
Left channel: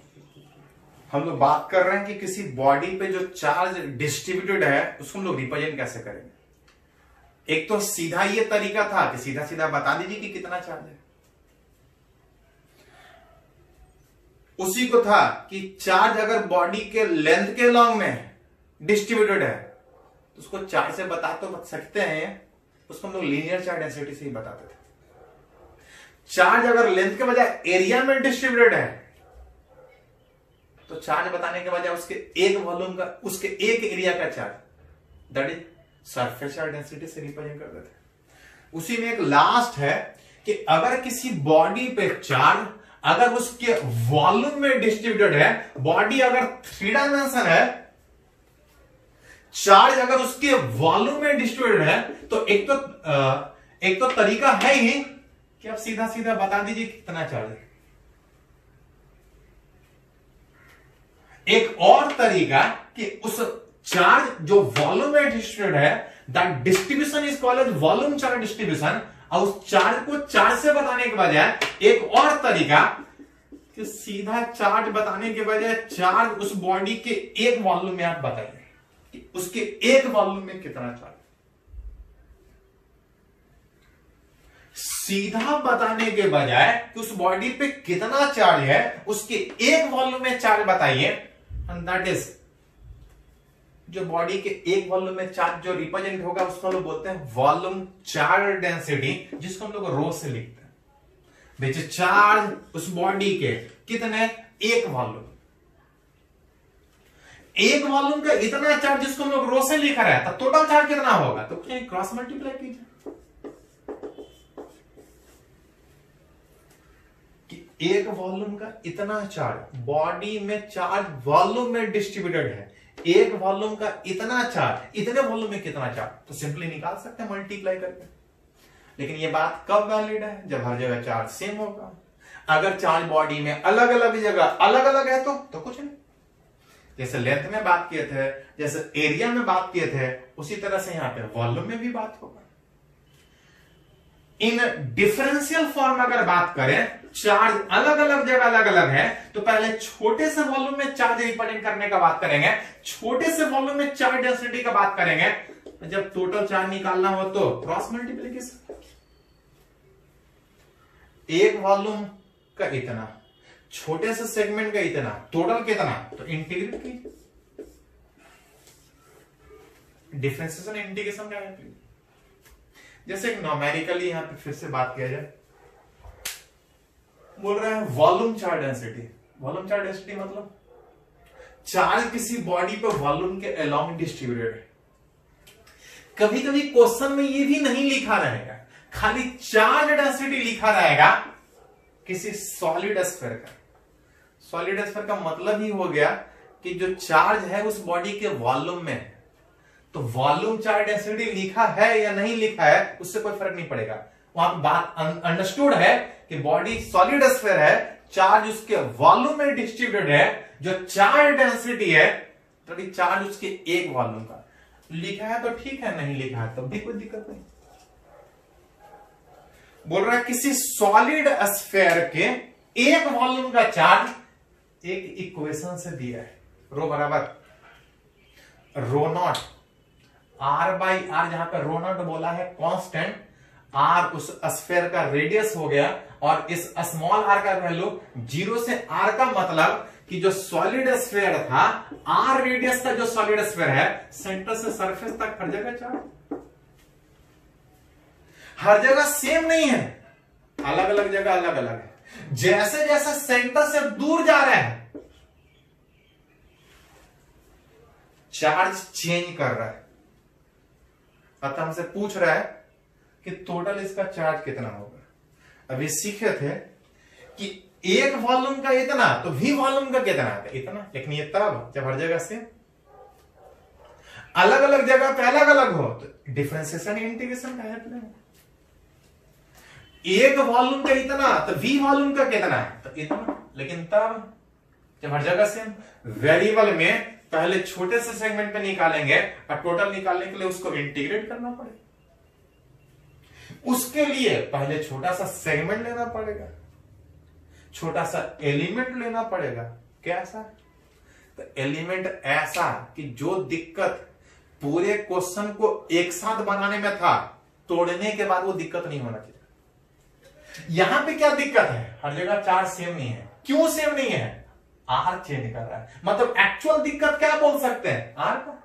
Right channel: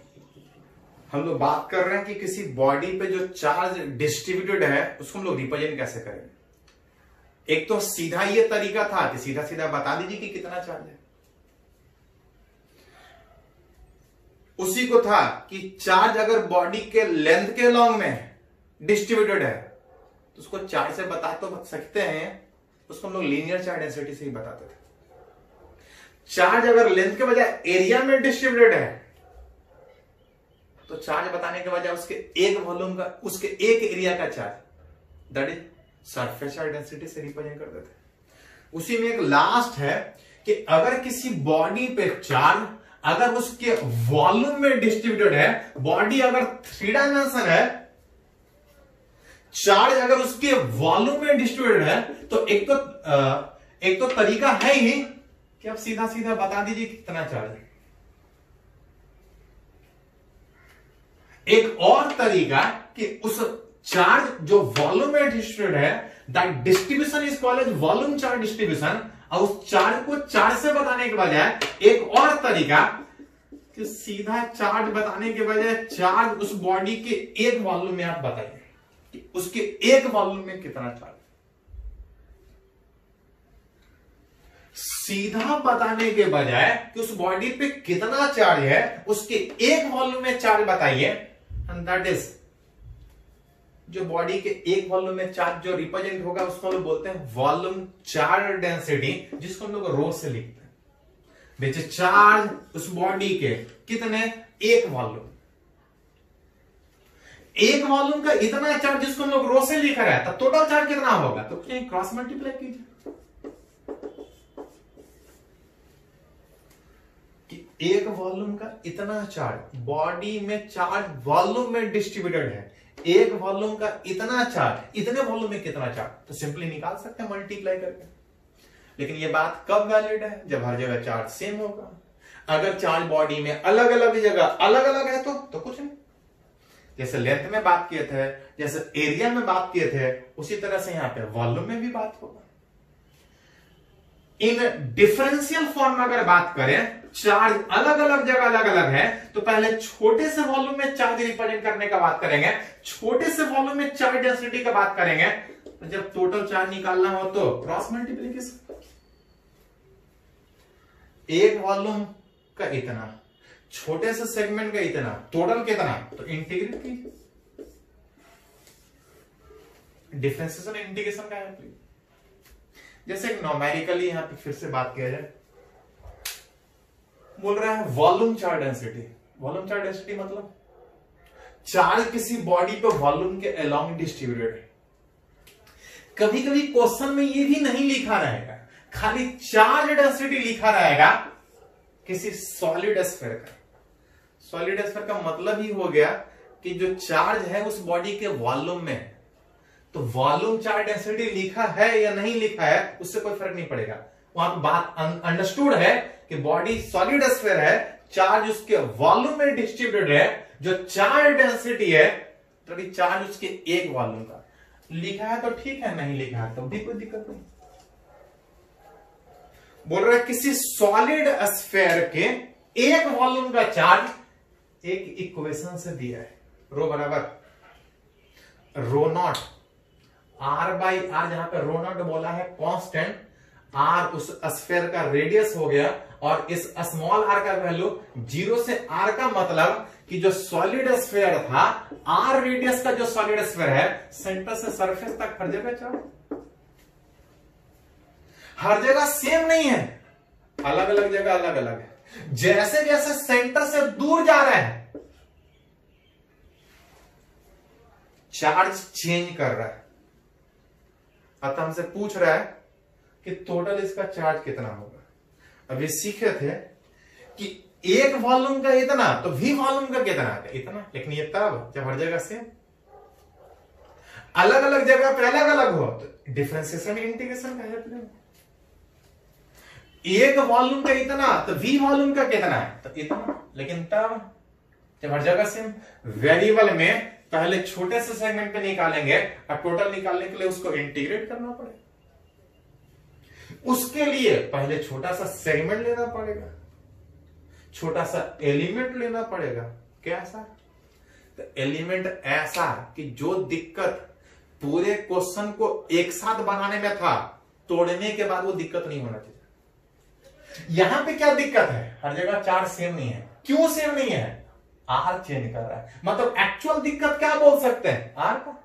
हम लोग बात कर रहे हैं कि किसी बॉडी पे जो चार्ज डिस्ट्रीब्यूटेड है उसको हम लोग रिप्रेजेंट कैसे करेंगे। एक तो सीधा ये तरीका था कि सीधा सीधा बता दीजिए कि कितना चार्ज है। उसी को था कि चार्ज अगर बॉडी के लेंथ के लॉन्ग में डिस्ट्रीब्यूटेड है तो उसको चार्ज से बता तो सकते हैं, उसको हम लोग लीनियर चार्ज डेंसिटी से ही बताते थे। चार्ज अगर लेंथ के बजाय एरिया में डिस्ट्रीब्यूटेड है तो चार्ज बताने के बजाय उसके एक वॉल्यूम का, उसके एक एरिया का charge that is surface charge density से रिप्रेजेंट करते थे। उसी में एक लास्ट है कि अगर किसी बॉडी पे चार्ज अगर उसके वॉल्यूम में डिस्ट्रीब्यूटेड है, बॉडी अगर 3 डायमेंशन है, चार्ज अगर उसके वॉल्यूम में डिस्ट्रीब्यूटेड है तो एक तो तरीका है ही कि आप सीधा सीधा बता दीजिए कितना चार्ज है। एक और तरीका कि उस चार्ज जो वॉल्यूम में डिस्ट्रीब्यूटेड है that distribution is called as volume charge distribution. और उस चार्ज को चार्ज से बताने के बजाय एक और तरीका कि सीधा चार्ज बताने के बजाय चार्ज उस बॉडी के एक वॉल्यूम में आप बताइए कि उसके एक वॉल्यूम में कितना चार्ज। सीधा बताने के बजाय कि उस बॉडी पे कितना चार्ज है उसके एक वॉल्यूम में चार्ज बताइए, एंड दैट इज जो बॉडी के एक वॉल्यूम में चार्ज जो रिप्रेजेंट होगा उसको हम लोग बोलते हैं वॉल्यूम चार्ज डेंसिटी, जिसको हम लोग रो से लिखते हैं। देखिए चार्ज उस बॉडी के कितने, एक वॉल्यूम, एक वॉल्यूम का इतना चार्ज जिसको हम लोग रो से लिखा रहा है, तो टोटल चार्ज कितना होगा, तो क्रॉस मल्टीप्लाई कीजिए कि एक वॉल्यूम का इतना चार्ज, बॉडी में चार्ज वॉल्यूम में डिस्ट्रीब्यूटेड है, एक वॉल्यूम का इतना चार्ज, इतने वॉल्यूम में कितना चार्ज, तो सिंपली निकाल सकते हैं मल्टीप्लाई करके। लेकिन ये बात कब वैलिड है, जब हर जगह चार्ज सेम होगा। अगर चार्ज बॉडी में अलग अलग जगह अलग अलग है तो कुछ नहीं। जैसे लेंथ में बात किए थे, जैसे एरिया में बात किए थे, उसी तरह से यहां पे वॉल्यूम में भी बात होगा। इन डिफरेंशियल फॉर्म में अगर बात करें, चार्ज अलग अलग जगह अलग अलग है, तो पहले छोटे से वॉल्यूम में चार्ज रिप्रेजेंट करने का बात करेंगे, छोटे से वॉल्यूम में चार्ज डेंसिटी का बात करेंगे। तो जब टोटल चार्ज निकालना हो तो क्रॉस मल्टीप्लिकेशन, एक वॉल्यूम का इतना, छोटे से सेगमेंट का इतना, टोटल कितना, तो इंटीग्रेट कीजिए। डिफरेंशिएशन इंटीग्रेशन का है। जैसे एक न्यूमेरिकली यहां पे फिर से बात किया जाए, बोल रहे हैं volume charge density. Volume charge density मतलब चार्ज किसी बॉडी पे वॉल्यूम के अलोंग डिस्ट्रीब्यूटेड है। कभी कभी क्वेश्चन में ये भी नहीं लिखा रहेगा, खाली चार्ज डेंसिटी लिखा रहेगा किसी सॉलिड स्फीयर का। सॉलिड स्फीयर का मतलब ही हो गया कि जो चार्ज है उस बॉडी के वॉल्यूम में, तो वॉल्यूम चार्ज डेंसिटी लिखा है या नहीं लिखा है उससे कोई फर्क नहीं पड़ेगा। वहां पर बात अंडरस्टूड है कि बॉडी सॉलिड स्फीयर है, चार्ज उसके वॉल्यूम में डिस्ट्रीब्यूटेड है, जो चार्ज डेंसिटी है तो चार्ज उसके एक वॉल्यूम का। लिखा है तो ठीक है, नहीं लिखा है तो भी कोई दिक्कत नहीं। बोल रहा है किसी सॉलिड स्फीयर के एक वॉल्यूम का चार्ज एक इक्वेशन से दिया है, रो बराबर रो नॉट आर बाई आर, जहां पर रो नॉट बोला है कांस्टेंट, आर उस स्फीयर का रेडियस हो गया और इस स्मॉल आर का वैल्यू 0 से आर का मतलब कि जो सॉलिड स्फीयर था, आर रेडियस का जो सॉलिड स्फीयर है, सेंटर से सरफेस तक हर जगह चार्ज, हर जगह सेम नहीं है, अलग अलग जगह अलग अलग है। जैसे जैसे सेंटर से दूर जा रहा है चार्ज चेंज कर रहा है। अतः हमसे पूछ रहा है कि टोटल इसका चार्ज कितना होगा। अभी सीखे थे कि एक वॉल्यूम का इतना तो वी वॉल्यूम का कितना है, इतना, लेकिन ये तब जब हर जगह से अलग अलग जगह पे अलग अलग हो तो डिफरेंशिएशन इंटीग्रेशन का हेल्प लेंगे। एक वॉल्यूम का इतना तो वी वॉल्यूम का कितना है, तो इतना, लेकिन तब जब हर जगह से वेरिएबल में पहले छोटे से सेगमेंट में निकालेंगे और टोटल निकालने के लिए उसको इंटीग्रेट करना पड़ेगा। उसके लिए पहले छोटा सा सेगमेंट लेना पड़ेगा, छोटा सा एलिमेंट लेना पड़ेगा। कैसा? तो एलिमेंट ऐसा कि जो दिक्कत पूरे क्वेश्चन को एक साथ बनाने में था, तोड़ने के बाद वो दिक्कत नहीं होना चाहिए। यहां पे क्या दिक्कत है, हर जगह चार्ज सेम नहीं है। क्यों सेम नहीं है? आर चेंज कर रहा है। मतलब एक्चुअल दिक्कत क्या बोल सकते हैं, आर का।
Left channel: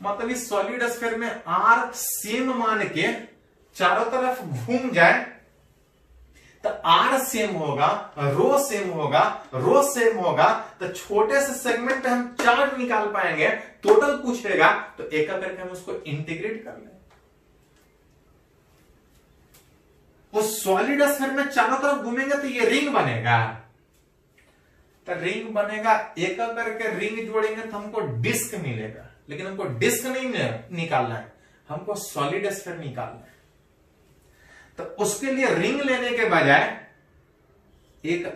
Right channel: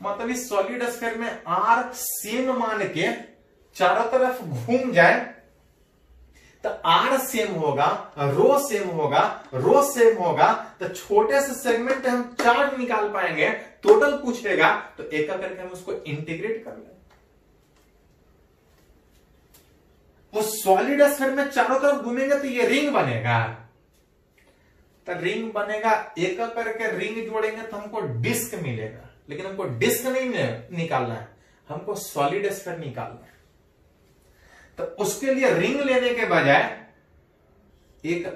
मतलब इस सॉलिड स्फीयर में आर सेम मान के चारों तरफ घूम जाए तो आर सेम होगा, रो सेम होगा, रो सेम होगा, तो छोटे से सेगमेंट पे हम चार्ज निकाल पाएंगे। टोटल पूछेगा तो एक करके हम उसको इंटीग्रेट कर लेंगे। उस सॉलिड स्फीयर में चारों तरफ घूमेंगे तो ये रिंग बनेगा, तो रिंग बनेगा, एक करके रिंग जोड़ेंगे तो हमको डिस्क मिलेगा। लेकिन हमको डिस्क नहीं निकालना है, हमको सॉलिड स्फीयर निकालना है। तो उसके लिए रिंग लेने के बजाय एक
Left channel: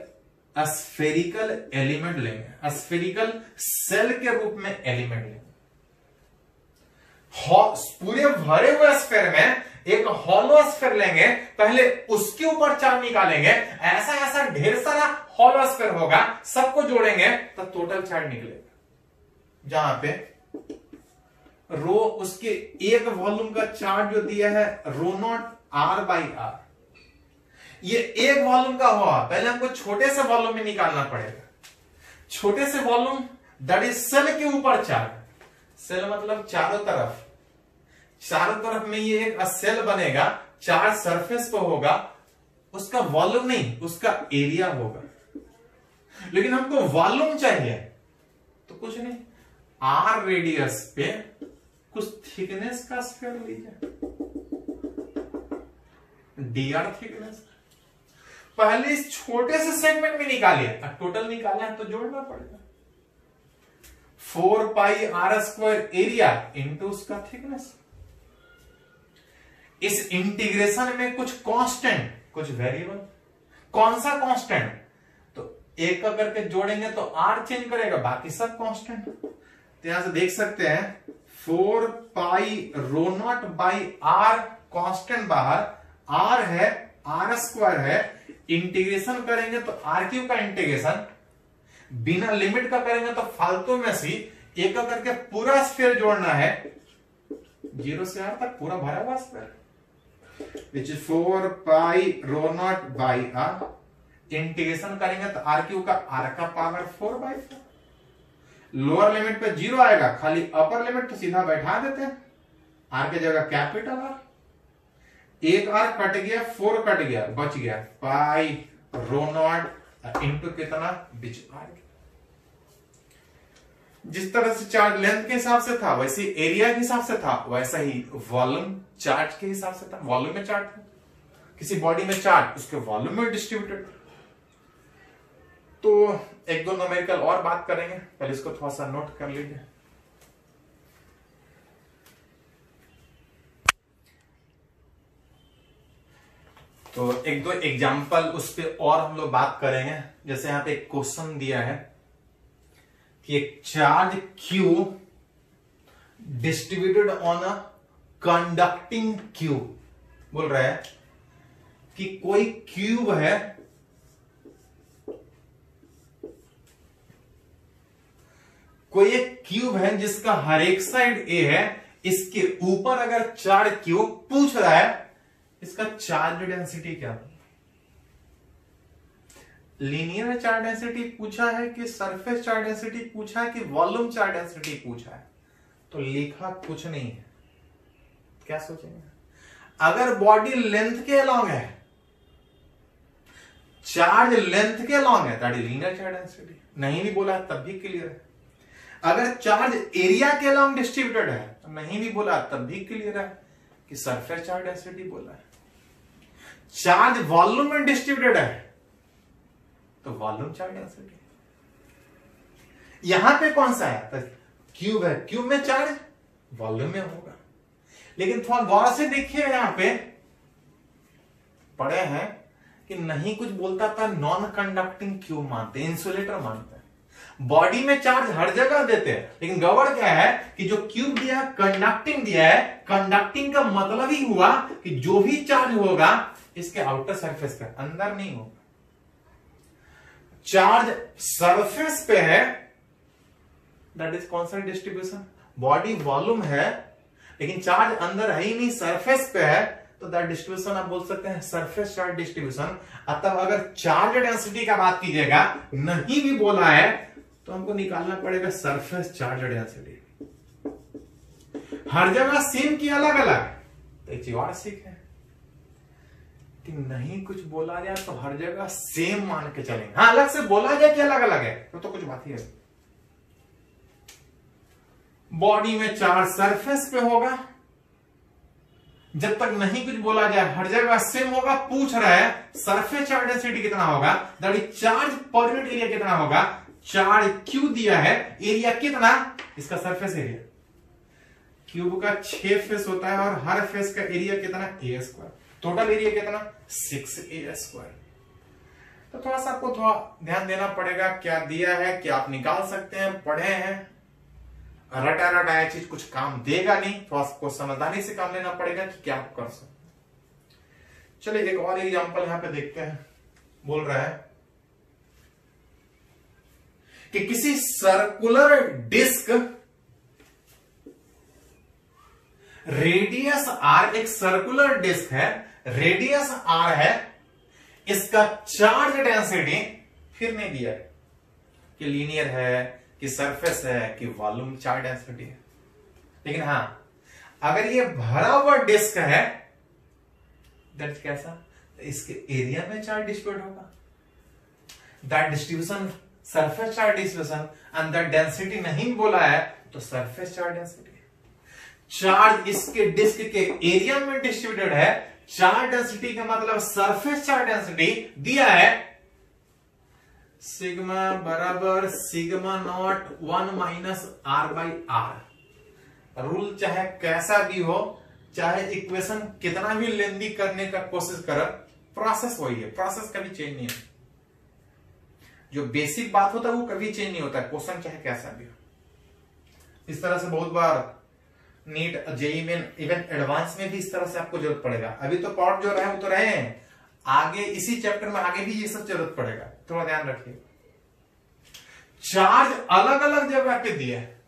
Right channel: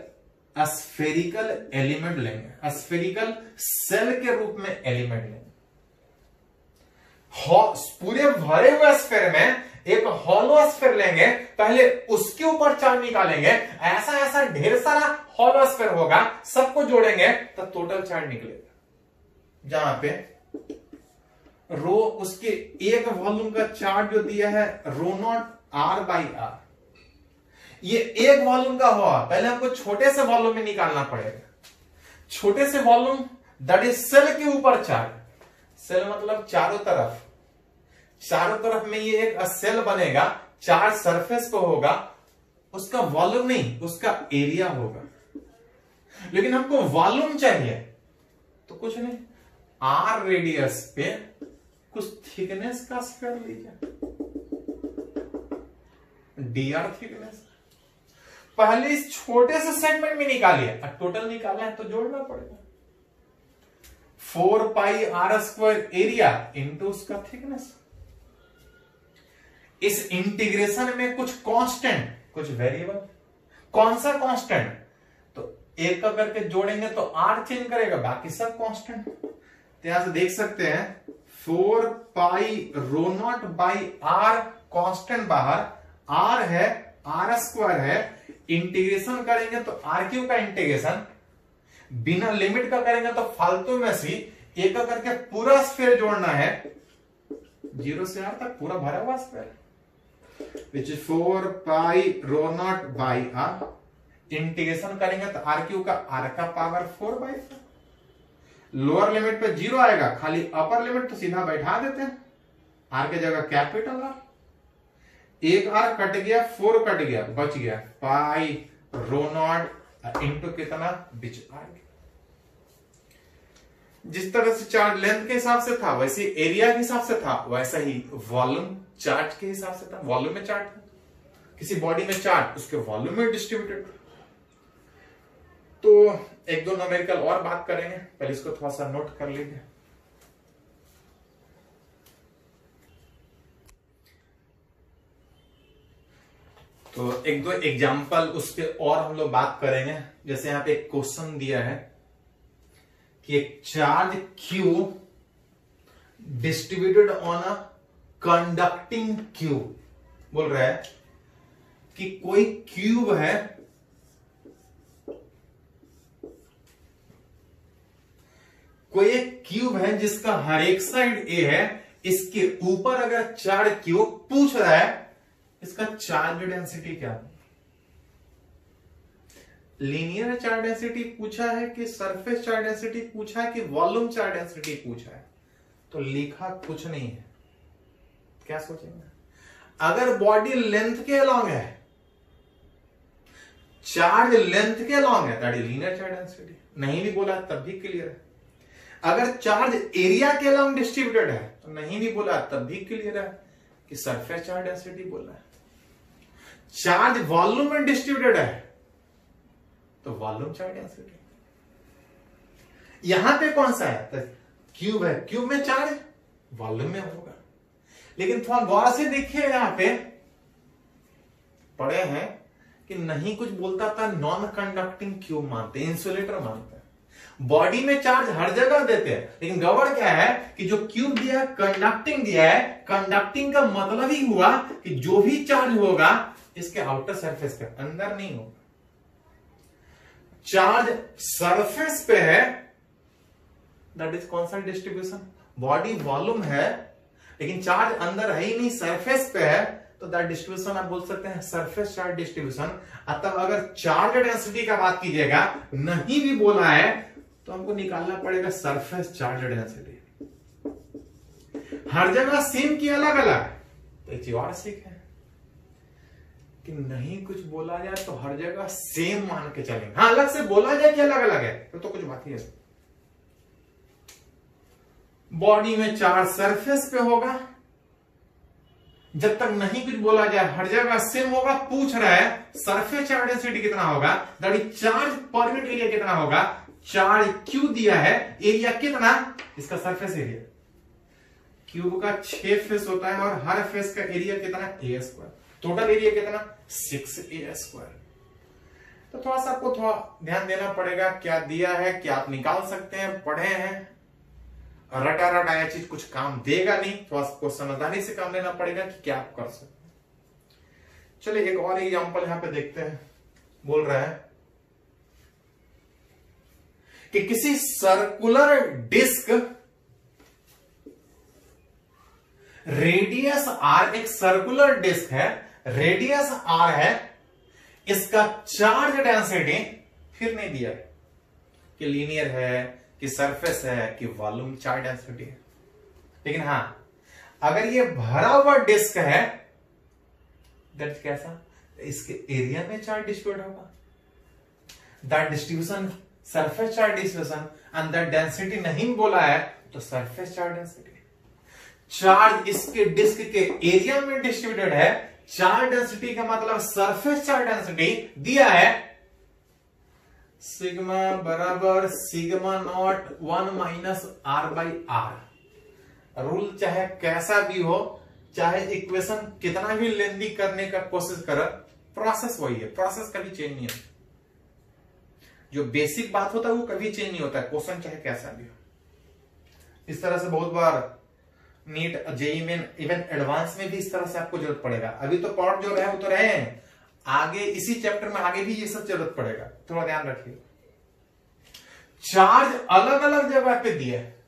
स्फेरिकल एलिमेंट लेंगे, स्फेरिकल सेल के रूप में एलिमेंट लेंगे। पूरे भरे हुए स्फीयर में एक हॉलो स्फीयर लेंगे, पहले उसके ऊपर चार्ज निकालेंगे। ऐसा ऐसा ढेर सारा हॉलो स्फीयर होगा, सबको जोड़ेंगे तो टोटल चार्ज निकलेगा। जहां पे रो उसके एक वॉल्यूम का चार्ज जो दिया है रो नॉट आर बाई आर, ये एक वॉल्यूम का हुआ, पहले हमको छोटे से वॉल्यूम में निकालना पड़ेगा। छोटे से वॉल्यूम दैट इज सेल के ऊपर चार्ज, सेल मतलब चारों तरफ, चारों तरफ में ये एक सेल बनेगा, चार्ज सरफेस पे होगा, उसका वॉल्यूम नहीं, उसका एरिया होगा। लेकिन हमको वॉल्यूम चाहिए तो कुछ नहीं, आर रेडियस पे कुछ थिकनेस का स्फीयर लीजिए, dr थिकनेस। पहले इस छोटे से सेगमेंट में निकालिए, अब टोटल निकालना है तो जोड़ना पड़ेगा। 4 पाई आर स्क्वायर एरिया इंटू उसका थिकनेस। इस इंटीग्रेशन में कुछ कांस्टेंट, कुछ वेरिएबल। कौन सा कांस्टेंट? तो एक का करके जोड़ेंगे तो आर चेंज करेगा, बाकी सब कांस्टेंट। तो यहां से देख सकते हैं 4 pi rho naught by are, constant बाहर, आर है, आर स्क्वायर है। इंटीग्रेशन करेंगे तो आर क्यूब का इंटीग्रेशन, बिना लिमिट का करेंगे तो फालतू में सी, एक का करके पूरा स्फीयर जोड़ना है, 0 से आर तक पूरा भरा हुआ sphere, which is 4 pi rho naught by R. Integration करेंगे तो आर क्यूब का आर का पावर 4/4। लोअर लिमिट पे 0 आएगा, खाली अपर लिमिट तो सीधा बैठा देते हैं, आर की जगह कैपिटल आर। एक आर कट गया, 4 कट गया, बच गया पाई रो नॉट इंटू कितना, बिच आर। जिस तरह से चार्ज लेंथ के हिसाब से था, वैसे एरिया के हिसाब से था, वैसा ही वॉल्यूम चार्ज के हिसाब से था। वॉल्यूम में चार्ज, किसी बॉडी में चार्ज, उसके वॉल्यूम में डिस्ट्रीब्यूटेड। तो एक दो न्यूमेरिकल और बात करेंगे, पहले इसको थोड़ा सा नोट कर लीजिए। तो एक दो एग्जाम्पल उस पर और हम लोग बात करेंगे। जैसे यहां पे एक क्वेश्चन दिया है कि एक charge Q distributed on a conducting cube, बोल रहा है कि कोई क्यूब है कोई एक क्यूब है जिसका हर एक साइड ए है, इसके ऊपर अगर चार्ज क्यूब पूछ रहा है इसका चार्ज डेंसिटी क्या है? लीनियर चार्ज डेंसिटी पूछा है कि सरफेस चार्ज डेंसिटी पूछा है कि वॉल्यूम चार्ज डेंसिटी पूछा है? तो लिखा कुछ नहीं है। क्या सोचेंगे? अगर बॉडी लेंथ के अलोंग है, चार्ज लेंथ के अलोंग है, that is linear charge density. नहीं भी बोला तब भी क्लियर है। अगर चार्ज एरिया के अलोंग डिस्ट्रीब्यूटेड है तो नहीं भी बोला तब भी क्लियर है कि सरफेस चार्ज डेंसिटी बोला है। चार्ज वॉल्यूम में डिस्ट्रीब्यूटेड है तो वॉल्यूम चार्ज डेंसिटी। यहां पे कौन सा है? तो क्यूब है, क्यूब में चार्ज वॉल्यूम में होगा। लेकिन थोड़ा गौर से देखिए, यहां पे पढ़े हैं कि नहीं कुछ बोलता था नॉन कंडक्टिंग क्यूब मानते, इंसुलेटर मानते हैं। बॉडी में चार्ज हर जगह देते हैं, लेकिन गड़बड़ क्या है कि जो क्यूब दिया कंडक्टिंग दिया है। कंडक्टिंग का मतलब ही हुआ कि जो भी चार्ज होगा इसके आउटर सरफेस पे, अंदर नहीं होगा। चार्ज सरफेस पे है, that is constant distribution. Body volume है लेकिन चार्ज अंदर है ही नहीं, सरफेस पे है, तो दैट डिस्ट्रीब्यूशन आप बोल सकते हैं सरफेस चार्ज डिस्ट्रीब्यूशन। अतः अगर चार्ज डेंसिटी का बात कीजिएगा, नहीं भी बोला है तो हमको निकालना पड़ेगा सरफेस चार्ज डेंसिटी। हर जगह सेम की अलग अलग, तो एक चीज और सीखे कि नहीं कुछ बोला जाए तो हर जगह सेम मान के चलेंगे। हाँ, अलग से बोला जाए कि अलग अलग है तो कुछ बात ही है। बॉडी में चार्ज सरफेस पे होगा, जब तक नहीं कुछ बोला जाए हर जगह सेम होगा। पूछ रहा है सरफेस चार्ज डेंसिटी कितना होगा, that is charge per unit area कितना होगा। चार्ज क्यू दिया है, एरिया कितना, इसका सरफेस एरिया। क्यूब का 6 फेस होता है और हर फेस का एरिया कितना, ए स्क्वायर। टोटल एरिया कितना, 6a स्क्वायर। तो थोड़ा सा आपको थोड़ा ध्यान देना पड़ेगा, क्या दिया है क्या आप निकाल सकते हैं, पढ़े हैं। रटा रटाया चीज कुछ काम देगा नहीं, थोड़ा आपको समझदारी से काम लेना पड़ेगा कि क्या आप कर सकते हैं। चलिए एक और एग्जांपल यहां पे देखते हैं। बोल रहा है कि किसी सर्कुलर डिस्क रेडियस आर, एक सर्कुलर डिस्क है, रेडियस आर है, इसका चार्ज डेंसिटी फिर नहीं दिया कि लीनियर है कि सरफेस है कि वॉल्यूम चार्ज डेंसिटी है। लेकिन हां, अगर ये भरा हुआ डिस्क है, दैट कैसा, इसके एरिया में चार्ज डिस्ट्रीब्यूट होगा। That distribution surface charge distribution, and that density नहीं बोला है तो सरफेस चार्ज डेंसिटी। चार्ज इसके डिस्क के एरिया में डिस्ट्रीब्यूटेड है, चार्ज डेंसिटी का मतलब सरफेस चार्ज डेंसिटी दिया है सिग्मा बराबर sigma naught 1 minus R by R. Rule चाहे कैसा भी हो, चाहे इक्वेशन कितना भी लेंदी करने का कोशिश कर, प्रोसेस वही है, प्रोसेस कभी चेंज नहीं है। जो बेसिक बात होता है वो कभी चेंज नहीं होता, क्वेश्चन चाहे कैसा भी हो। इस तरह से बहुत बार नीट, जेईई में, इवन एडवांस में भी इस तरह से आपको जरूरत पड़ेगा। अभी तो पार्ट जो रहे वो तो रहे हैं, आगे इसी चैप्टर में आगे भी ये सब जरूरत पड़ेगा, थोड़ा ध्यान रखिए। चार्ज अलग अलग जगह पे दिया है,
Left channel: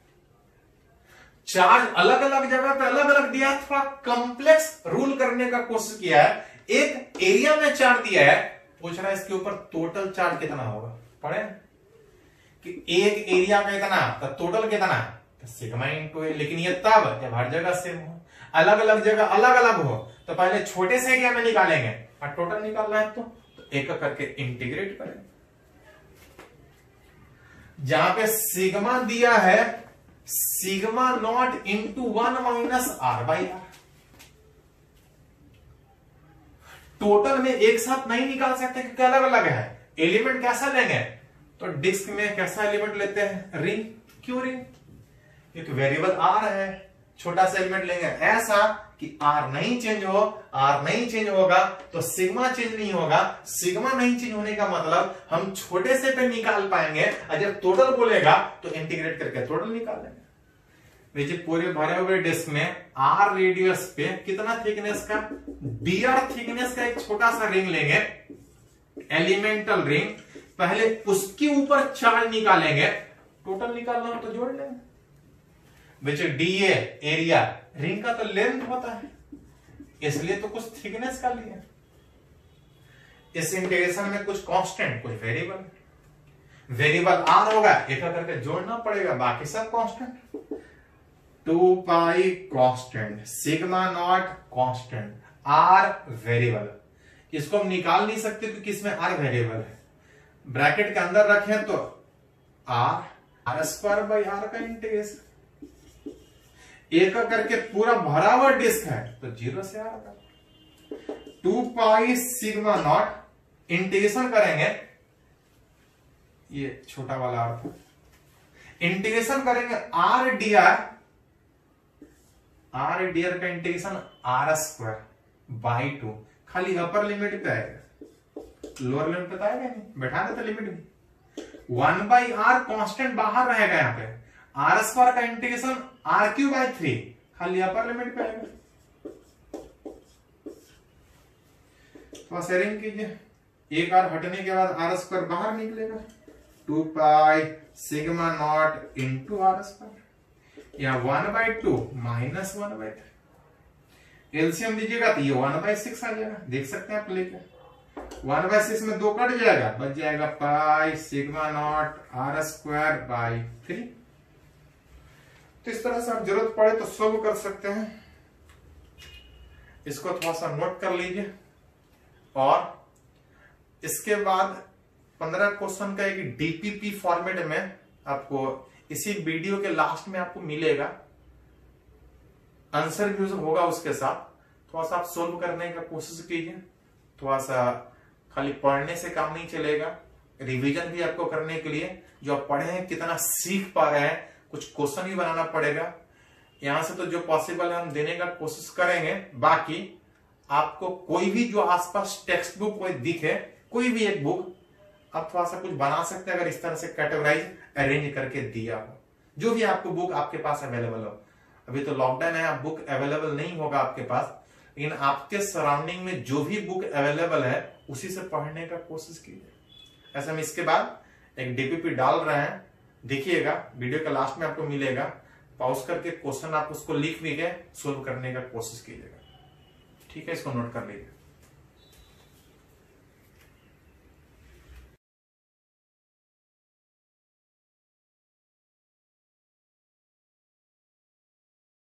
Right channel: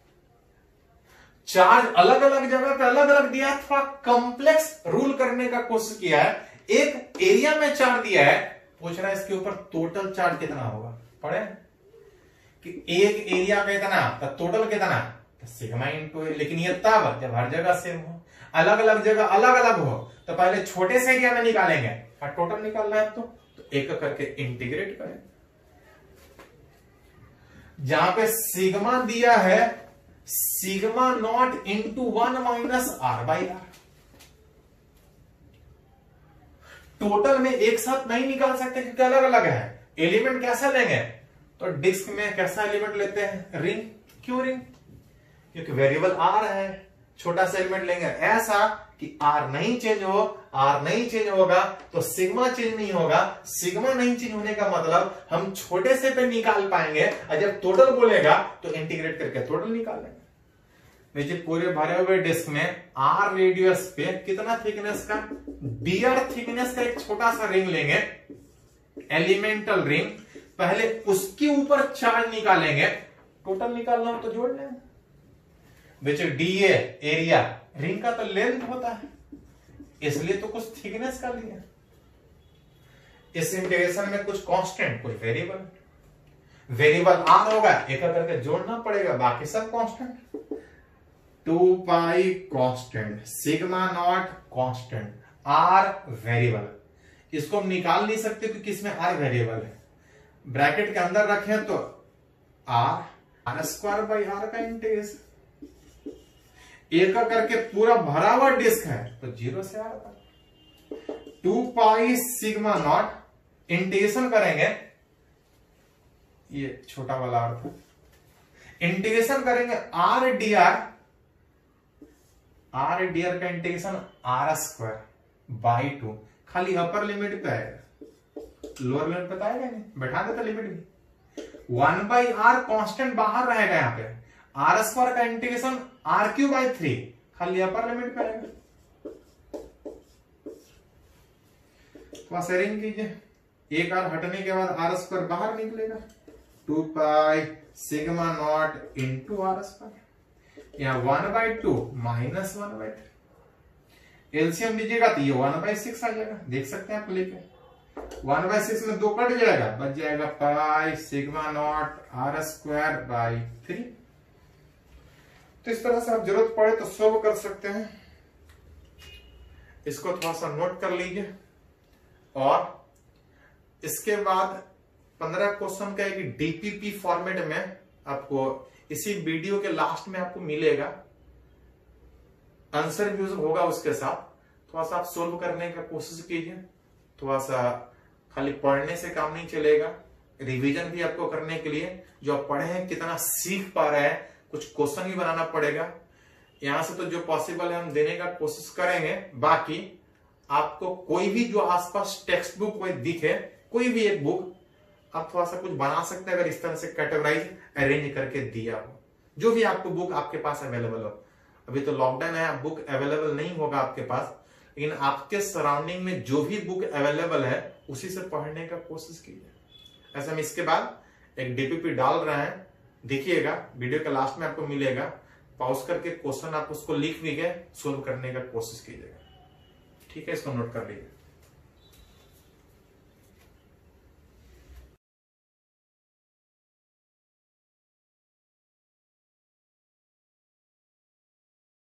चार्ज अलग अलग जगह पे अलग अलग दिया है, थोड़ा कॉम्प्लेक्स रूल करने का कोशिश किया है। एक एरिया में चार्ज दिया है, पूछ रहा है इसके ऊपर टोटल चार्ज कितना होगा। पढ़े कि एक एरिया का इतना तो टोटल कितना, सिग्मा इंटू ए। लेकिन ये तब जब हर जगह सेम हो, अलग अलग जगह अलग अलग हो तो पहले छोटे से एरिया में निकालेंगे और टोटल निकालना है तो एक करके इंटीग्रेट करें। जहां पे सिग्मा दिया है sigma naught into 1 minus R by R. Total में एक साथ नहीं निकाल सकते क्योंकि अलग अलग है। एलिमेंट कैसा लेंगे, तो डिस्क में कैसा एलिमेंट लेते हैं, रिंग। क्यों रिंग, क्योंकि वेरिएबल आर है, छोटा सा एलिमेंट लेंगे ऐसा कि आर नहीं चेंज हो। आर नहीं चेंज होगा तो सिग्मा चेंज नहीं होगा। सिग्मा नहीं चेंज होने का मतलब हम छोटे से पे निकाल पाएंगे, और जब टोटल बोलेगा तो इंटीग्रेट करके टोटल निकाल लेंगे। देखिए पूरे भरे हुए डिस्क में आर रेडियस पे कितना थिकनेस का, dr थिकनेस का एक छोटा सा रिंग लेंगे, एलिमेंटल रिंग। पहले उसके ऊपर चार्ज निकालेंगे, टोटल निकालना हो तो जोड़ लें। बच्चे डीए एरिया रिंग का तो लेंथ होता है, इसलिए तो कुछ थिकनेस का लिया। इस इंटीग्रेशन में कुछ कांस्टेंट कुछ वेरिएबल, वेरिएबल आर होगा, एक करके जोड़ना पड़ेगा, बाकी सब constant. 2 pi constant, sigma naught constant, R variable. इसको हम निकाल नहीं सकते क्योंकि इसमें आर वेरिएबल है। ब्रैकेट के अंदर रखें तो आर स्क्वायर बाई आर का इंटीग्रेशन, एक करके पूरा भरा हुआ डिस्क है तो 0 से आर का 2 पाई सिग्मा नॉट, इंटीग्रेशन करेंगे, ये छोटा वाला आर था, इंटीग्रेशन करेंगे आर डी आर का इंटीग्रेशन आर स्क्वायर बाई 2, खाली अपर लिमिट पे आएगा, लोअर लिमिट पे आएगा नहीं, बैठा देता लिमिट भी। 1 बाई आर कॉन्स्टेंट बाहर रहेगा, यहाँ पे आर स्क्वायर का इंटीग्रेशन आर क्यू बाई 3, खाली अपर लिमिट पे आएगा। तो शेयरिंग कीजिए, एक आर हटने के बाद आर स्क्वायर बाहर निकलेगा, 2 pi sigma naught into R square, या 1/2 माइनस 1/3। एलसीएम दीजिएगा तो ये 1/6 आ जाएगा, देख सकते हैं आप लेके। 1/6 में 2 कट जाएगा, बच जाएगा pi sigma naught R square by 3। तो इस तरह से आप जरूरत पड़े तो सॉल्व कर सकते हैं। इसको थोड़ा सा नोट कर लीजिए, और इसके बाद 15 क्वेश्चन का एक डीपीपी फॉर्मेट में आपको इसी वीडियो के लास्ट में आपको मिलेगा, आंसर भी होगा उसके साथ। थोड़ा सा आप सोल्व करने का कोशिश कीजिए, थोड़ा सा खाली पढ़ने से काम नहीं चलेगा, रिवीजन भी आपको करने के लिए जो आप पढ़े हैं कितना सीख पा रहे हैं, कुछ क्वेश्चन भी बनाना पड़ेगा। यहां से तो जो पॉसिबल है हम देने का कोशिश करेंगे, बाकी आपको कोई भी जो आसपास टेक्स्ट बुक कोई दिखे, कोई भी एक बुक आप थोड़ा सा कुछ बना सकते हैं, अगर इस तरह से कैटेगराइज अरेंज करके दिया हो, जो भी आपको बुक आपके पास अवेलेबल हो। अभी तो लॉकडाउन है, बुक अवेलेबल नहीं होगा आपके पास, लेकिन आपके सराउंडिंग में जो भी बुक अवेलेबल है उसी से पढ़ने का कोशिश कीजिए। ऐसे हम इसके बाद एक डीपीपी डाल रहे हैं, देखिएगा, वीडियो के लास्ट में आपको मिलेगा, पॉज करके क्वेश्चन आप उसको लिख भी गए, सोल्व करने का कोशिश कीजिएगा। ठीक है, इसको नोट कर लीजिए।